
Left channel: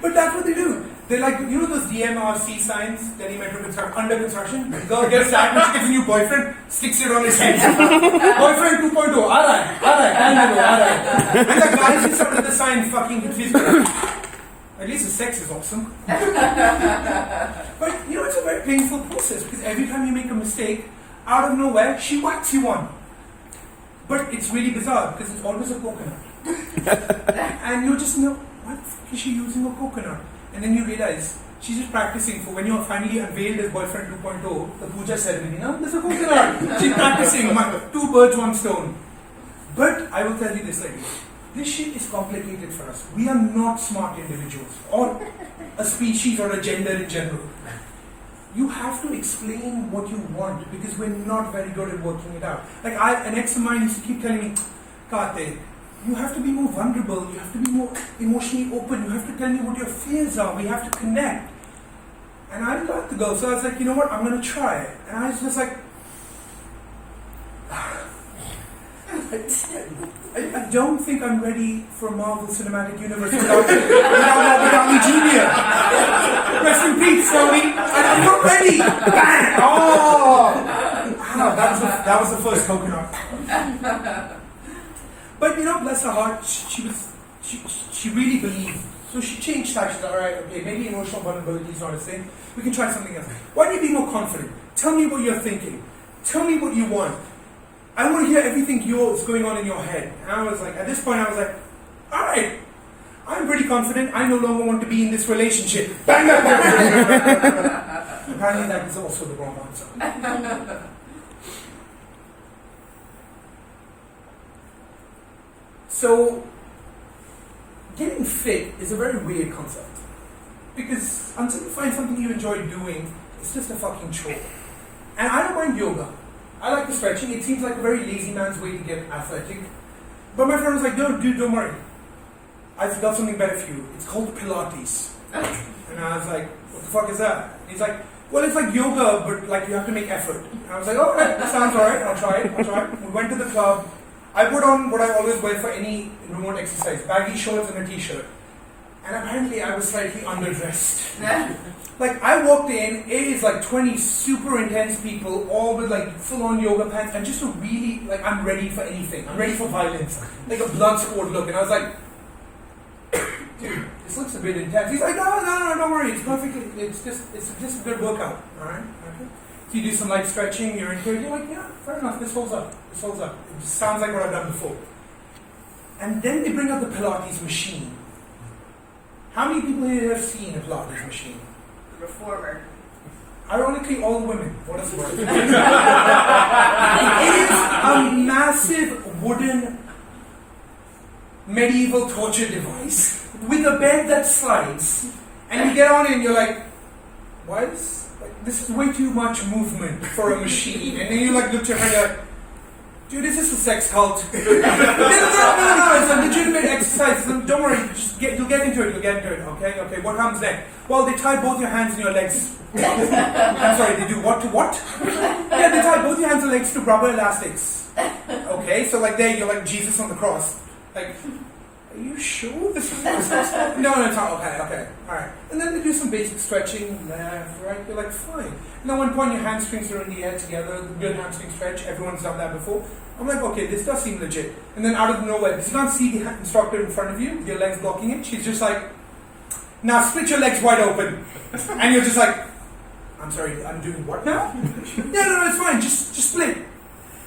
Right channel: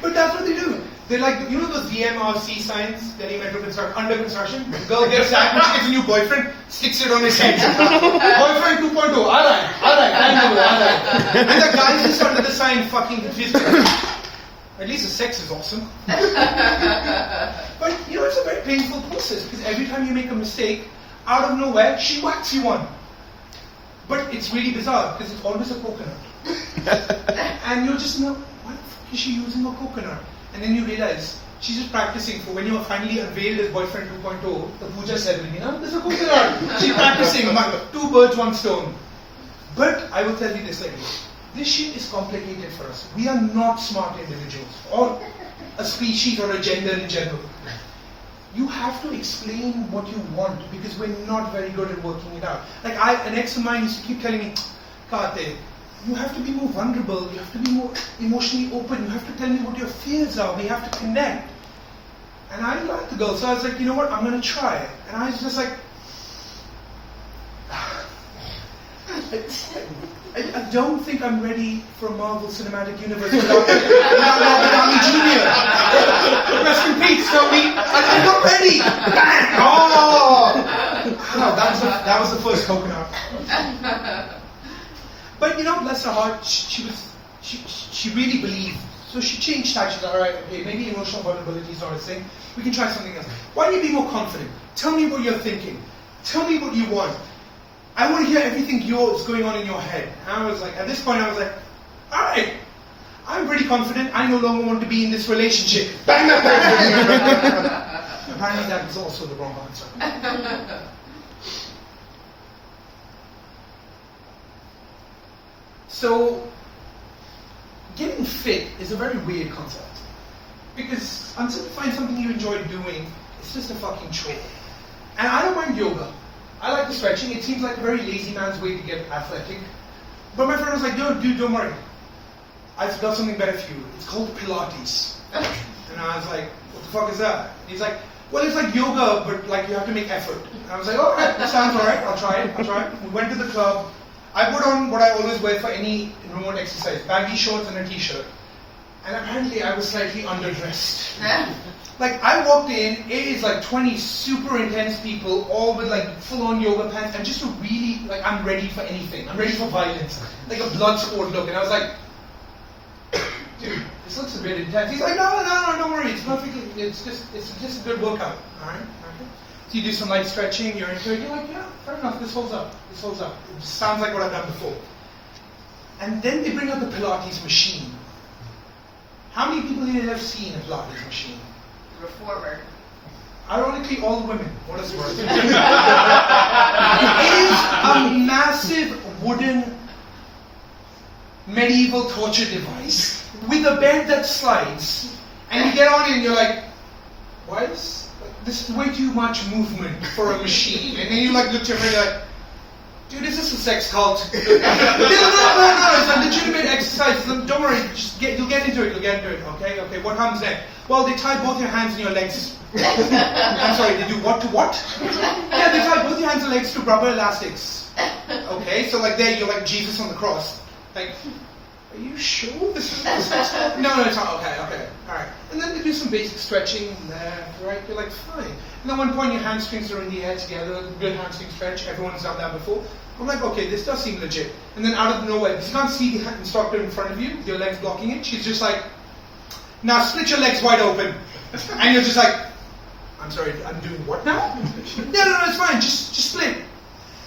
But that's what they do. They're like, you know those DMRC signs, Delhi Metro Construction, under construction? Girl gets sandwich, gets a new boyfriend, sticks it on his head. Boyfriend 2.0, alright, and the guys just under the sign fucking confused. At least the sex is awesome. But you know, it's a very painful process because every time you make a mistake, out of nowhere, she whacks you one. But it's really bizarre because it's always a coconut. And you're just, why the fuck is she using a coconut? And then you realize she's just practicing for when you're finally unveiled as boyfriend 2.0, the puja ceremony. There's a coconut. She's practicing. 2 birds, 1 stone. But I will tell you this, ladies. This shit is complicated for us. We are not smart individuals, or a species, or a gender in general. You have to explain what you want because we're not very good at working it out. Like an ex of mine used to keep telling me, Kate, you have to be more vulnerable, you have to be more emotionally open, you have to tell me what your fears are, we have to connect. And I liked the girl, so I was like, you know what, I'm going to try it. And I was just like, I don't think I'm ready for a Marvel Cinematic Universe without Robert Downey Jr. Rest in peace, Tony. I'm not ready. Bang! Oh! Wow, that was the first coconut. But you know, bless her heart, she really believed. So she changed tack. She's like, all right, okay, maybe emotional vulnerability is not a thing. We can try something else. Why don't you be more confident? Tell me what you're thinking. Tell me what you want. I want to hear everything yours going on in your head. And I was like, at this point, I was like, all right, I'm pretty confident. I no longer want to be in this relationship. Bang, bang, bang. Apparently, that was also the wrong answer. So, getting fit is a very weird concept. Because until you find something you enjoy doing, it's just a fucking chore. And I don't mind yoga. I like the stretching. It seems like a very lazy man's way to get athletic. But my friend was like, no, dude, don't worry. I've got something better for you. It's called Pilates. And I was like, what the fuck is that? And he's like, well, it's like yoga, but like you have to make effort. And I was like, all right, that sounds all right. I'll try it. We went to the club. I put on what I always wear for any remote exercise, baggy shorts and a t-shirt. And apparently I was slightly underdressed. Like, I walked in, it is like 20 super intense people, all with like full-on yoga pants, and just a really, like, I'm ready for anything. I'm ready for violence. Like a blood sport look. And I was like, dude, this looks a bit intense. He's like, no, don't worry. It's perfectly, it's just a good workout. All right? Okay. So you do some light stretching, you're into it, you're like, yeah, fair enough, this holds up. It sounds like what I've done before. And then they bring out the Pilates machine. How many people here have seen a Pilates machine? Reformer. Ironically, all the women. What is worth? It is a massive wooden medieval torture device with a bed that slides. And you get on it and you're like, why is this is way too much movement for a machine. And then you like look to her and you're like, dude, is this a sex cult? No, it's a legitimate exercise. Don't worry, you'll get into it, okay? What comes next? Well, they tie both your hands and your legs. I'm sorry, they do what to what? Yeah, they tie both your hands and legs to rubber elastics. Okay, so like there, you're like Jesus on the cross. Like, are you sure this is a sex cult? No, it's not. Okay, alright. And then they do some basic stretching, left, right, you're like, fine. And at one point your hamstrings are in the air together, the good hamstring stretch, everyone's done that before. I'm like, okay, this does seem legit. And then out of nowhere, because you can't see the instructor in front of you, with your legs blocking it, she's just like, now split your legs wide open. And you're just like, I'm sorry, I'm doing what now? No, it's fine. Just split.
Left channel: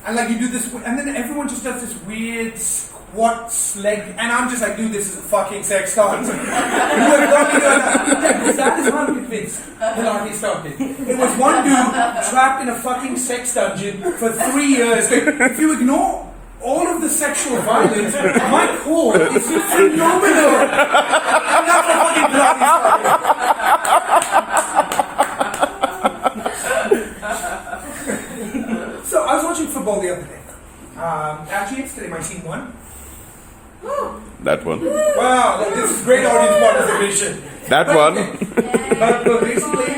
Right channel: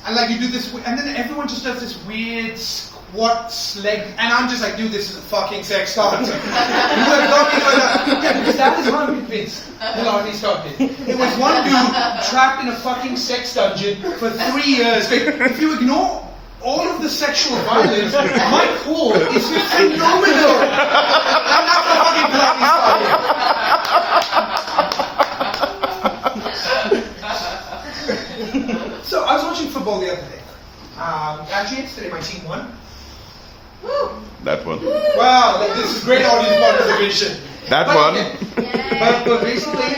And like you do this, and then everyone just does this weird squat leg, and I'm just like, dude, this is a fucking sex start. You have got me doing that. Yeah, because that is how I'm convinced Pilates started. It was one dude trapped in a fucking sex dungeon for 3 years. If you ignore all of the sexual violence, my core is phenomenal. And that's how fucking Pilates started. So I was watching football the other day. Actually, yesterday my team won. That one. Wow, this is great audience participation. That But- one. But basically,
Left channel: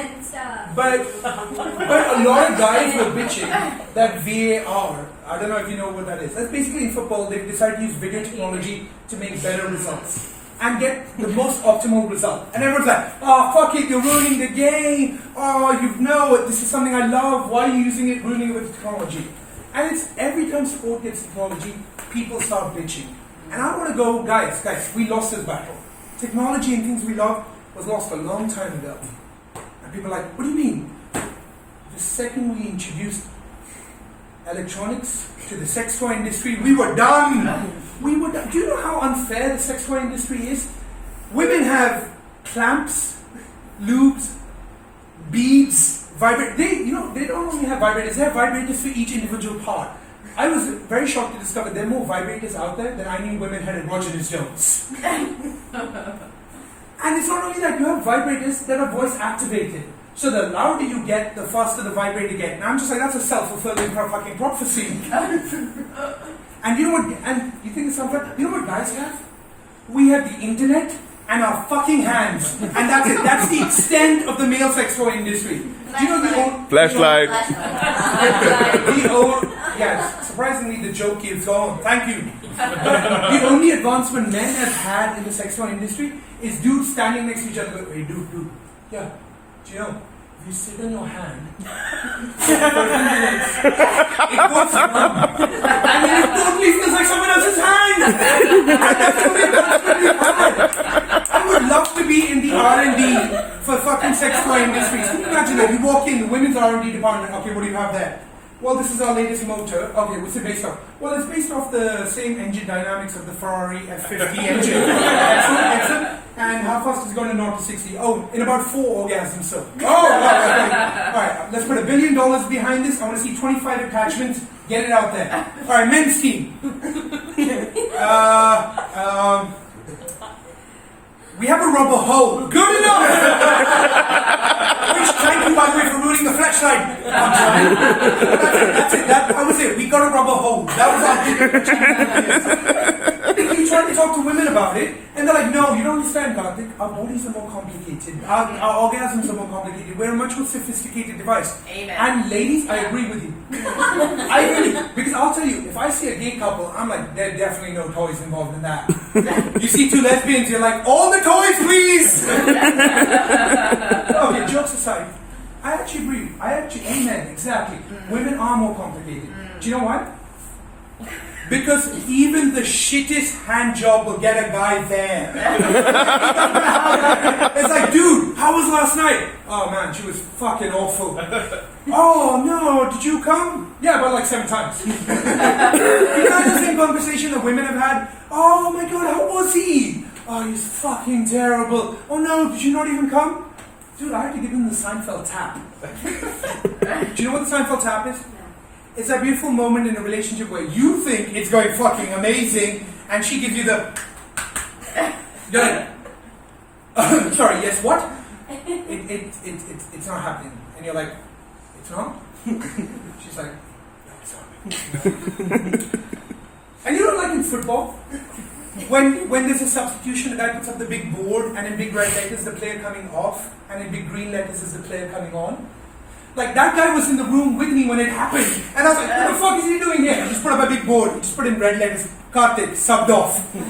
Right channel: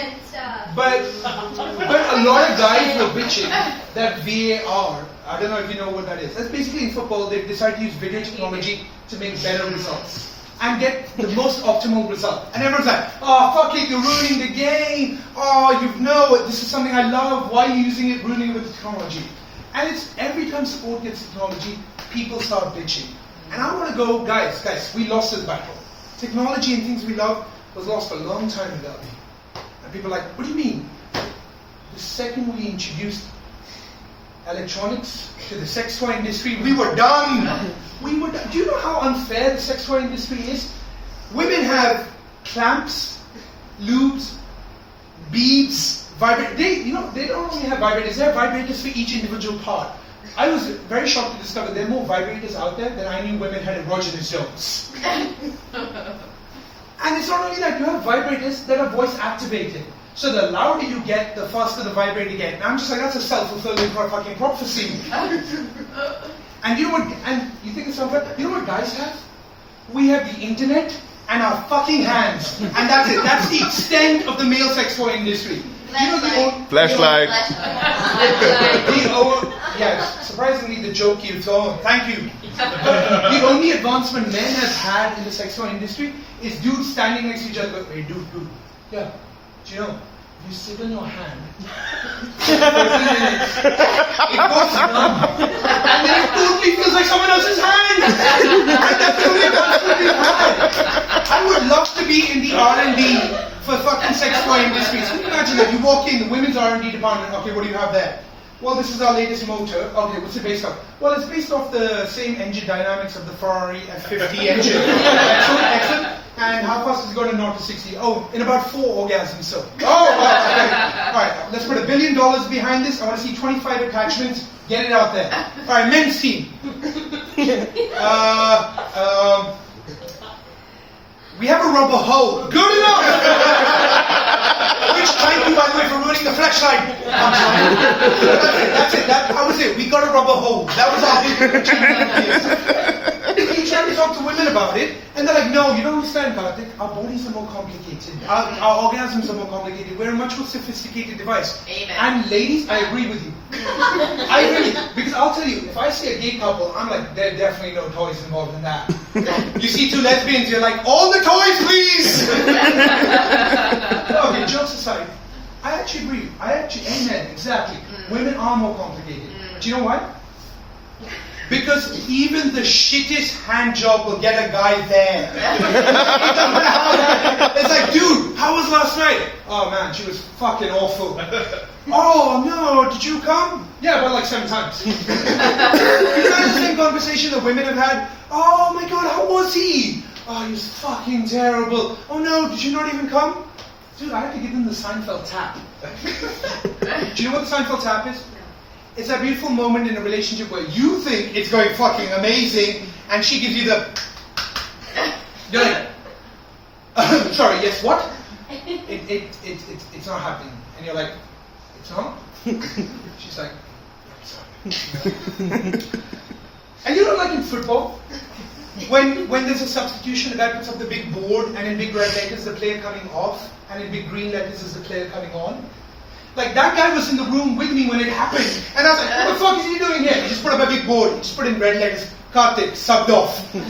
but a lot of guys were bitching that VAR. I don't know if you know what that is. That's basically in football they've decided to use video technology to make better results and get the most optimal result. And everyone's like, oh fuck it, you're ruining the game. Oh, you know this is something I love. Why are you using it, ruining it with technology? And it's every time sport gets technology, people start bitching. And I want to go, guys, we lost this battle. Technology and things we love was lost a long time ago. And people are like, what do you mean? The second we introduced electronics to the sex toy industry, we were done. Do you know how unfair the sex toy industry is? Women have clamps, lubes, beads, vibrators. They don't only have vibrators, they have vibrators for each individual part. I was very shocked to discover there are more vibrators out there than I knew women had erogenous zones. And it's not only that, you have vibrators that are voice activated. So the louder you get, the faster the vibrator get. And I'm just like, that's a self-fulfilling fucking prophecy. And you know what, and you think it's unfair? You know what guys have? We have the internet and our fucking hands. And that's it. That's the extent of the male sex toy industry. Do you know the old... Flashlight. Yeah, surprisingly the joke you've thrown. Thank you. But the only advancement men have had in the sex toy industry is dudes standing next to each other going, hey dude, yeah, do you know, if you sit on your hand for 30 minutes, it goes numb. And then it totally feels like someone else's hand. And that's the only advancement we've had. I would love to be in the R&D for fucking sex toy industries. Can you imagine that? You walk in, the women's R&D department, okay, what do you have there? Well, this is our latest motor. Okay, what's it based off? Well, it's based off the same engine dynamics of the Ferrari F50 engine. Excellent. And how fast is it going to 0 to 60? Oh, in about 4 orgasms, so. Oh, wow, okay. All right, let's put $1 billion behind this. I want to see 25 attachments. Get it out there. All right, men's team. We have a rubber hole. Good enough! Which, thank you, by the way, for ruining the flashlight. I'm sorry. That's it. That was it. We got a rubber hole. That was our big achievement. You try to talk to women about it, and they're like, no, you don't understand, Karthik. Our bodies are more complicated. Our orgasms are more complicated. We're a much more sophisticated device. Amen. And ladies, I agree with you. I agree. Because I'll tell you, if I see a gay couple, I'm like, there are definitely no toys involved in that. You see 2 lesbians, you're like, all the toys, please! Okay, jokes aside, I actually agree. Amen, exactly. Women are more complicated. Do you know why? Because even the shittest hand job will get a guy there. It's like, dude, how was last night? Oh man, she was fucking awful. Oh no, did you come? Yeah, about like 7 times. You know the same conversation that women have had? Oh my god, how was he? Oh, he's fucking terrible. Oh no, did you not even come? Dude, I had to give him the Seinfeld tap. Do you know what the Seinfeld tap is? It's that beautiful moment in a relationship where you think it's going fucking amazing, and she gives you the... You're like, sorry, yes, what? It's not happening. And you're like, it's not? She's like, no, it's not. And you know, like in football, when there's a substitution, the guy puts up the big board, and in big red letters, the player coming off, and in big green letters is the player coming on. Like, that guy was in the room with me when it happened. And I was like, what the fuck is he doing here? He just put up a big board. He just put in red letters, Karthik, subbed off. And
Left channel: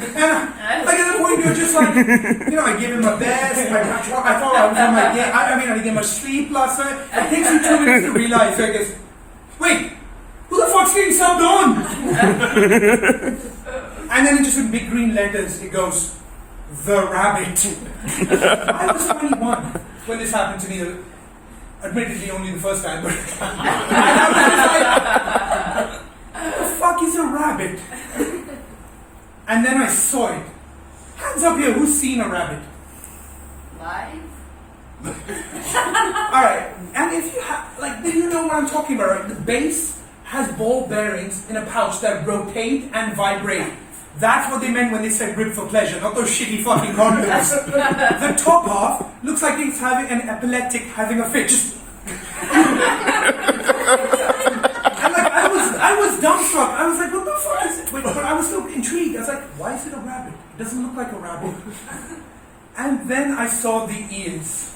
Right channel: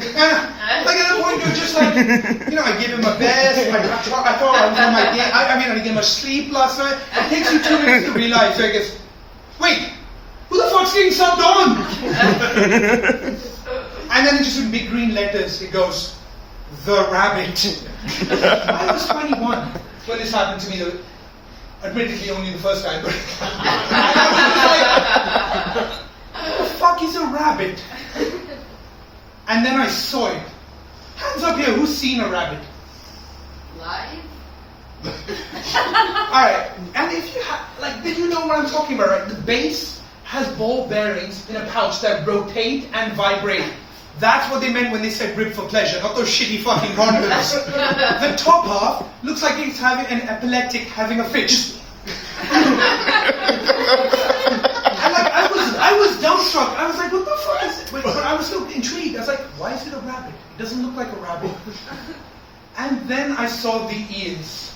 like at the point, you're just like, you know, I gave him my best. I thought I was on my game. I didn't get much sleep last night. It takes you 2 minutes to realize, I guess, wait, who the fuck's getting subbed on? And then just in big green letters, it goes, the rabbit. I was 21 when this happened to me. Admittedly, only the first time, but and I was like, what the fuck is a rabbit? And then I saw it. Hands up here, who's seen a rabbit? Live? Alright, and if you have, like, then you know what I'm talking about, right? The base has ball bearings in a pouch that rotate and vibrate. That's what they meant when they said rib for pleasure, not those shitty fucking condoms. The top half looks like it's having an epileptic having a fit. Just and like I was dumbstruck. I was like, what the fuck is it? Wait, but I was so intrigued. I was like, why is it a rabbit? It doesn't look like a rabbit. And then I saw the ears,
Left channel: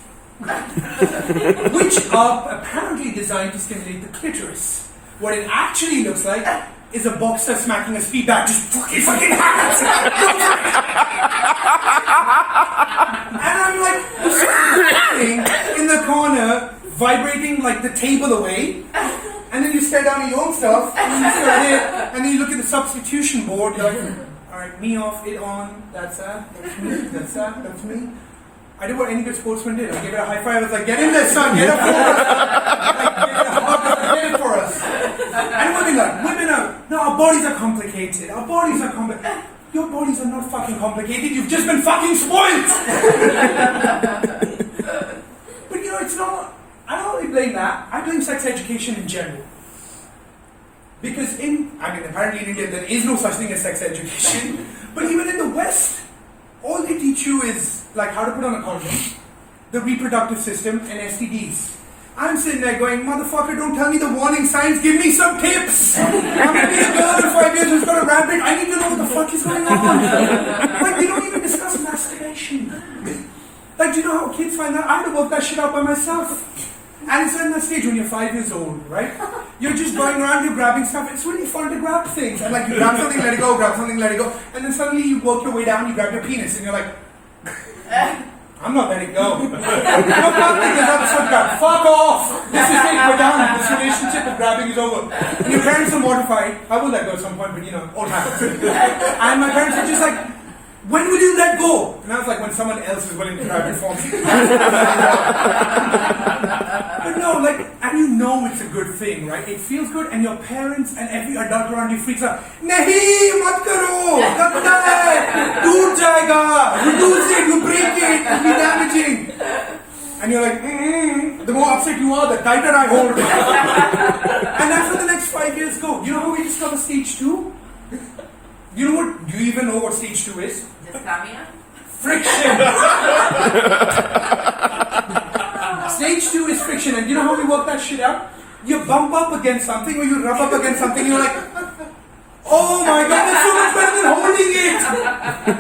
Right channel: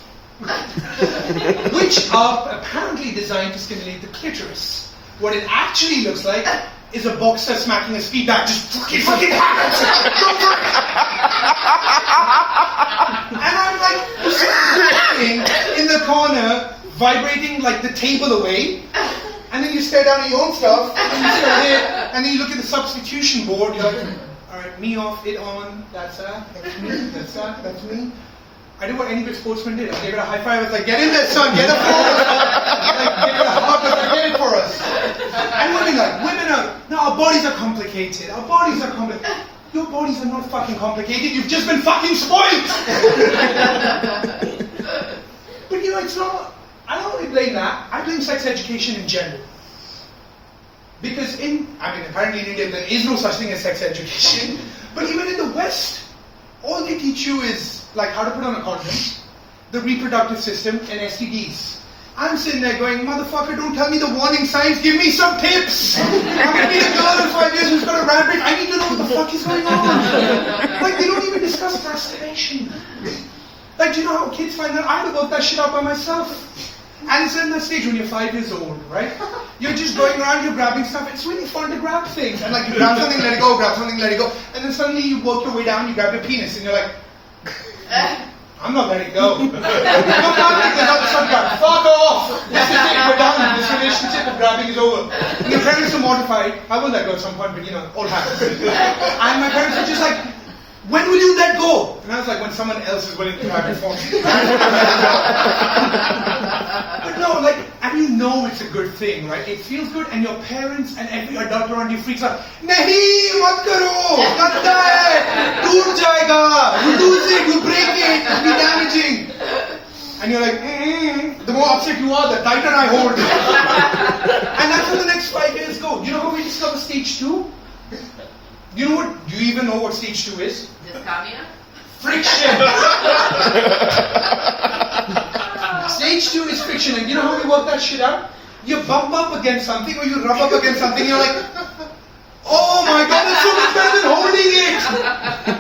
which are apparently designed to stimulate the clitoris. What it actually looks like is a boxer smacking a speed bag, just fucking hard. And I'm like, sitting in the corner, vibrating like the table away. And then you stare down at your own stuff, and then you stare there, and then you look at the substitution board, you're like, alright, me off, it on, that's me, that's me. I did what any good sportsman did. I gave it a high five. I was like, get in there, son, get up for us. Like, give it a hug, get it for us. And women are, no, our bodies are complicated. Our bodies are complicated. Your bodies are not fucking complicated. You've just been fucking spoiled. But you know, it's not, I don't really blame that. I blame sex education in general. Because apparently in India there is no such thing as sex education. But even in the West, all they teach you is like how to put on a condom, the reproductive system, and STDs. I'm sitting there going, motherfucker, don't tell me the warning signs, give me some tips. I'm gonna meet a girl in 5 years who's got a rabbit. I need to know what the fuck is going on. Like, they don't even discuss masturbation. Like, do you know how kids find that? I had to work that shit out by myself. And it's in that stage when you're 5 years old, right? You're just going around, you're grabbing stuff. It's really fun to grab things. And like, you grab something, let it go, grab something, let it go. And then suddenly you work your way down, you grab your penis, and you're like, I'm not letting go. I'm not letting this other son grab. Fuck off! This is it, we're done. This relationship of grabbing is over. And your parents are mortified. I will let go at some point, but you know, all happens. And my parents were just like, when will you let go? And I was like, when someone else is willing to grab it for me. But no, like, and you know it's a good thing, right? It feels good, and your parents and every adult around you freaks out. Nahi, mat karo, ganda hai, toot jayega, you lose it, you break it, it'll be damaging. And you're like, the more upset you are, the tighter I hold. And that's how the next 5 years go. You know how we discover stage 2? Do you even know what stage 2 is? Dysphonia? Friction! Stage 2 is friction, and you know how we work that shit out? You bump up against something, or you rub up against something, you're like, oh my god, that's so much better than holding it!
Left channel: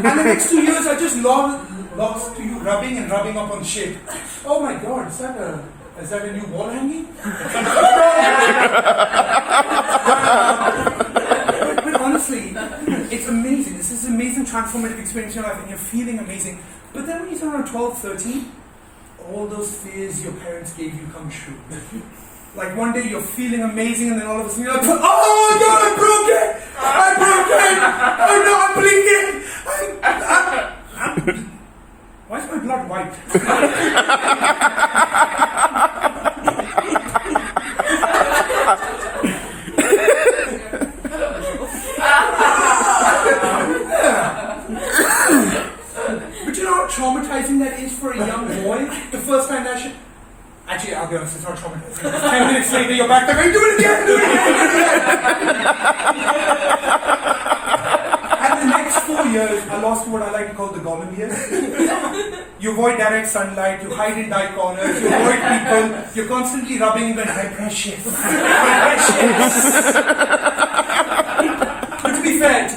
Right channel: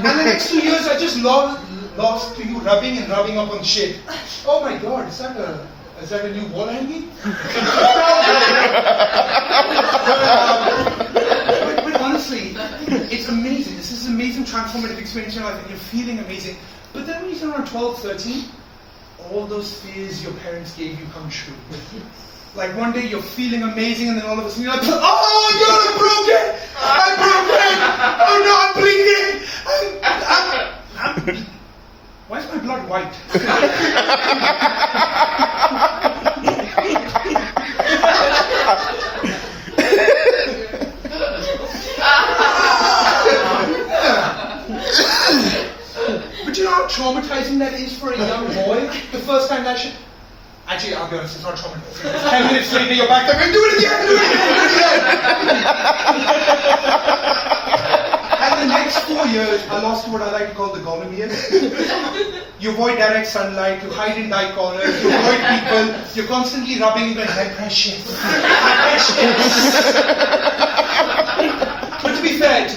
And the next 2 years are just lost to you rubbing and rubbing up on shit. Oh my god, is that a new wall hanging? But honestly, it's amazing. This is an amazing transformative experience in your life, and you're feeling amazing. But then when you turn around 12, 13, all those fears your parents gave you come true. Like one day you're feeling amazing, and then all of a sudden you're like, oh god, I broke it! I broke it! Oh no, I'm bleeding! Why is my blood white? But you know how traumatizing that is for a young boy? The first time that shit... Actually, I'll be honest, it's not traumatizing. 10 minutes later, you're back there going, do it again! And the next 4 years, I lost what I like to call the Gollum years. You avoid direct sunlight, you hide in dark corners, you avoid people, you're constantly rubbing and going, hi precious. But to be fair,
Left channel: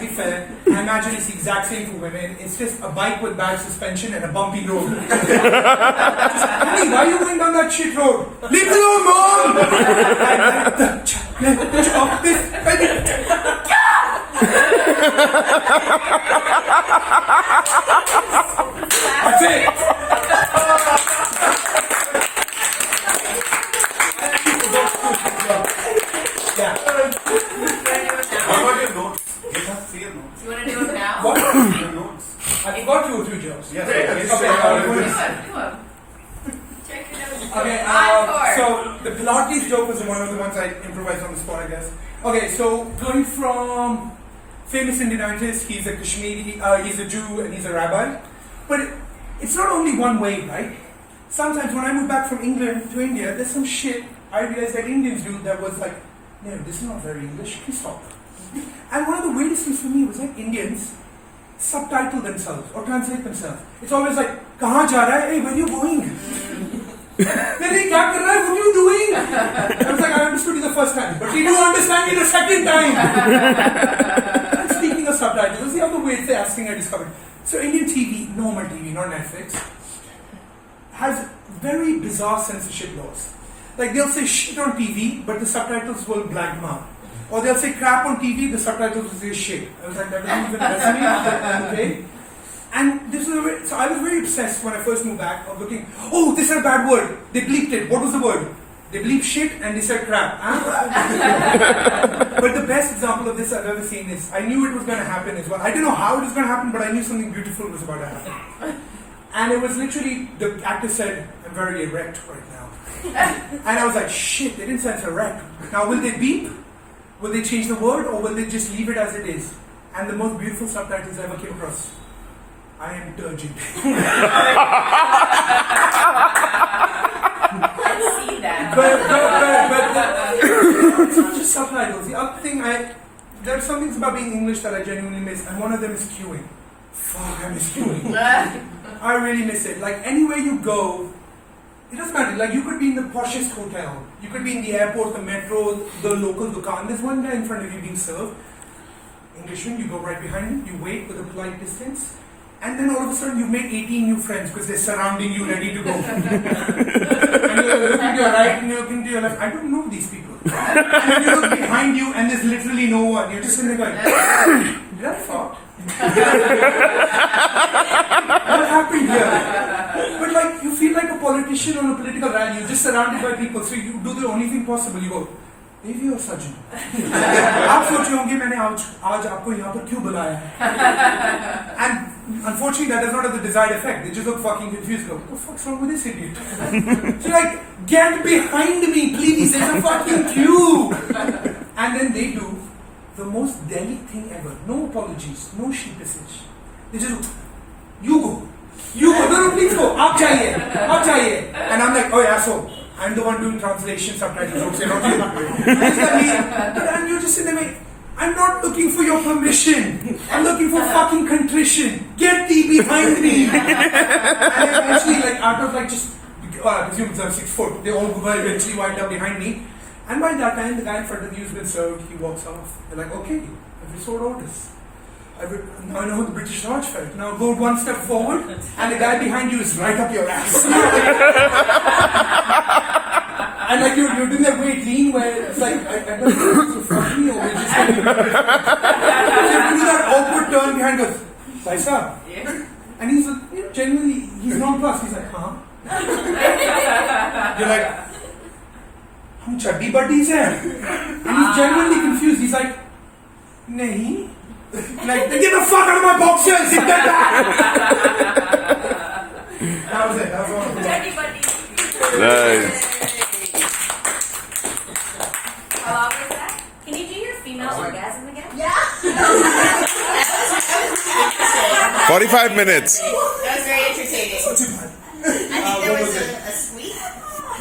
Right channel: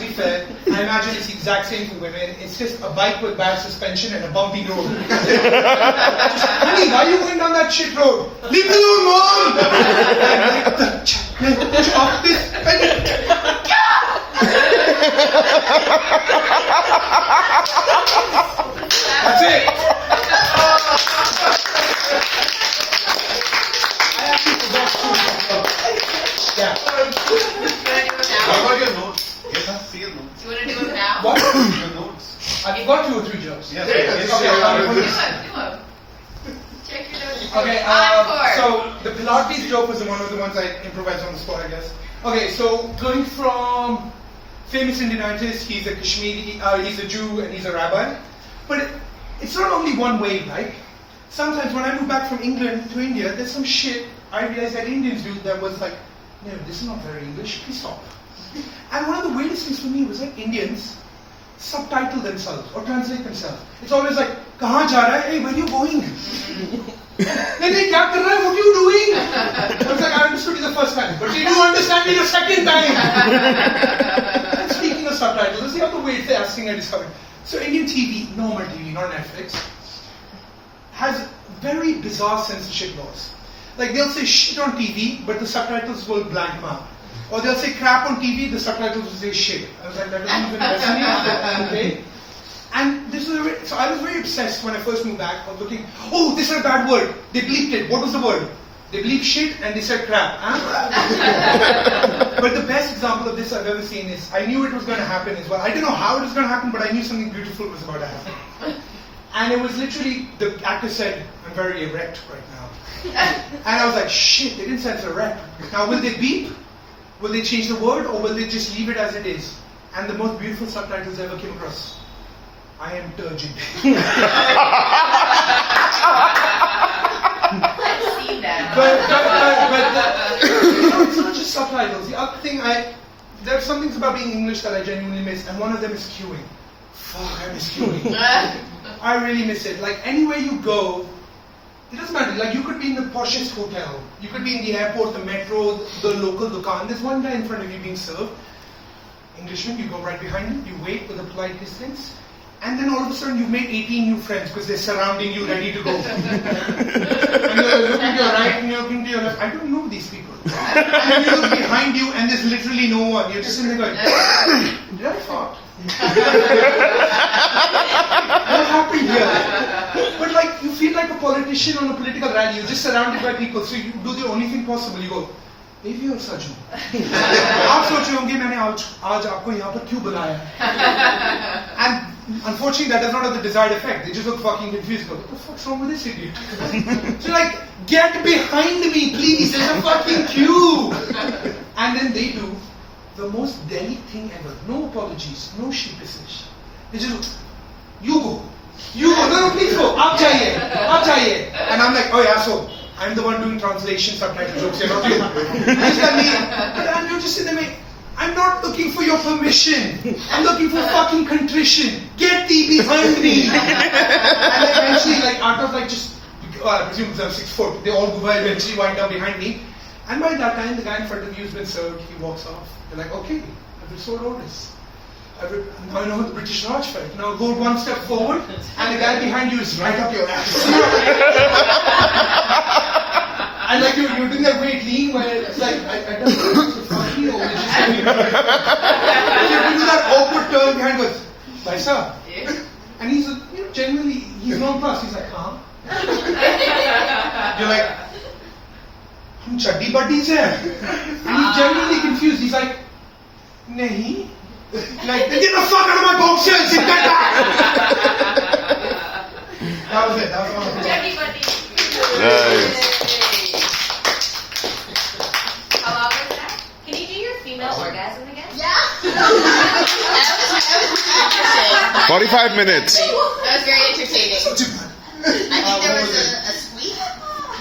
I imagine it's the exact same for women. It's just a bike with bad suspension and a bumpy road. Just, honey, why are you going down that shit road? Leave me alone, mom! Chop this. That's it. I actually forgot to yeah. What about your notes? Yes, see your notes. Do you want to do it now? What? Your notes. I forgot 2 or 3 jobs. Yes, Okay, yes, okay, yes. I'll Do put it. this. Do it. Check your notes. Okay, Encore. so the Pilates joke was one of the ones I improvised on the spot, I guess. Okay, so going from famous Indian artist, he's a Kashmiri, he's a Jew and he's a rabbi. But it's not only one way, right? Sometimes when I moved back from England to India, there's some shit I realized that Indians do that was like, no, this is not very English, please stop. And one of the weirdest things for me was like Indians subtitle themselves or translate themselves. It's always like, kahan ja raha hai? Hey, where are you going? Hey, kya kar raha hai? What are you doing? I was like, I understood you the first time, but did you understand me the second time? And speaking of subtitles, this is the other weird thing I discovered. So Indian TV, normal TV, not Netflix, has very bizarre censorship laws. Like they'll say shit on TV, but the subtitles will blank them out. Or they'll say crap on TV, the subtitles will say shit. I was like, that doesn't even resonate. Okay. And this is so I was very obsessed when I first moved back of looking, oh, this is a bad word. They bleeped it. What was the word? They bleeped shit and they said crap. Huh? But the best example of this I've ever seen is, I knew it was going to happen as well. I didn't know how it was going to happen, but I knew something beautiful was about to happen. And it was literally, the actor said, I'm very erect right now. And I was like, shit, they didn't censor erect. Now will they beep? Will they change the word or will they just leave it as it is? And the most beautiful subtitles I ever came across. I am turgid. Let's see that. But it's not just subtitles. The other thing there are some things about being English that I genuinely miss, and one of them is queuing. Fuck, I miss queuing. I really miss it. Like anywhere you go, it doesn't matter. Like you could be in the poshest hotel, you could be in the airport, the metro, the local dukaan. There's one guy in front of you being served. Englishman, you go right behind him, you wait with a polite distance, and then all of a sudden you've made 18 new friends because they're surrounding you, ready to go. And you're looking to your right and you're looking to your left. I don't know these people. And then you look behind you and there's literally no one. You're just sitting there going, did I fart? What happened here? But like you feel like a politician on a political rally. You're just surrounded by people, so you do the only thing possible. You go, देवी और सजू आप सोचे होंगे मैंने आज आपको यहाँ पर क्यों बुलाया and unfortunately that does not have the desired effect. They just look fucking confused. Go, what the fuck's wrong with this idiot? So like, get behind me please, there's a fucking queue. And then they do the most Delhi thing ever. No apologies, no sheepishage. They just, you go, no please go, aap jaiye. And I'm like, oh yeah, so I'm the one doing translation subtitle jokes here, not you. And you're just sitting there, I'm not looking for your permission. I'm looking for fucking contrition. Get thee behind me. And eventually, like, out of like just, I presume it's 6 foot, they all eventually wind up behind me. And by that time, the guy in front of you has been served, he walks off. You're like, okay, I've restored orders. Now I know how the British Raj felt. Now go one step forward, and the guy behind you is right up your ass. And like you're doing that great lean where it's like, I don't know if it's funny or we're just going to do that awkward turn behind goes, Paisa? And he's genuinely, he's nonplussed. He's like, huh? You're like, hum chaddi buddies hai. And he's genuinely confused. He's like, nahi. Like, then get the fuck out of my boxers! Sit that back! That was it. That was one of the Nice. How long was that? Can you do your female orgasm again? Yeah. 45 minutes. That was very entertaining. I think there was a squeak.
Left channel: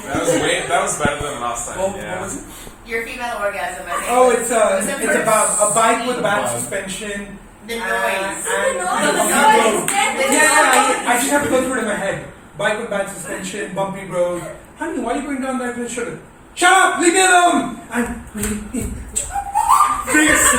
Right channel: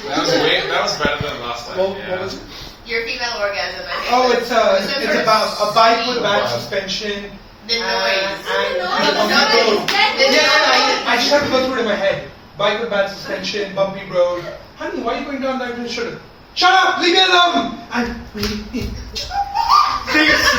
That was better than last time. What Yeah. was it? Your female orgasm, I think. Oh, it's was about a bike with bad suspension. The noise. And The bumpy road. noise. Yeah, I just have to go through it in my head. Bike with bad suspension, bumpy road. Honey, why are you going down that road? Shut up! Leave me alone! I'm waiting. This.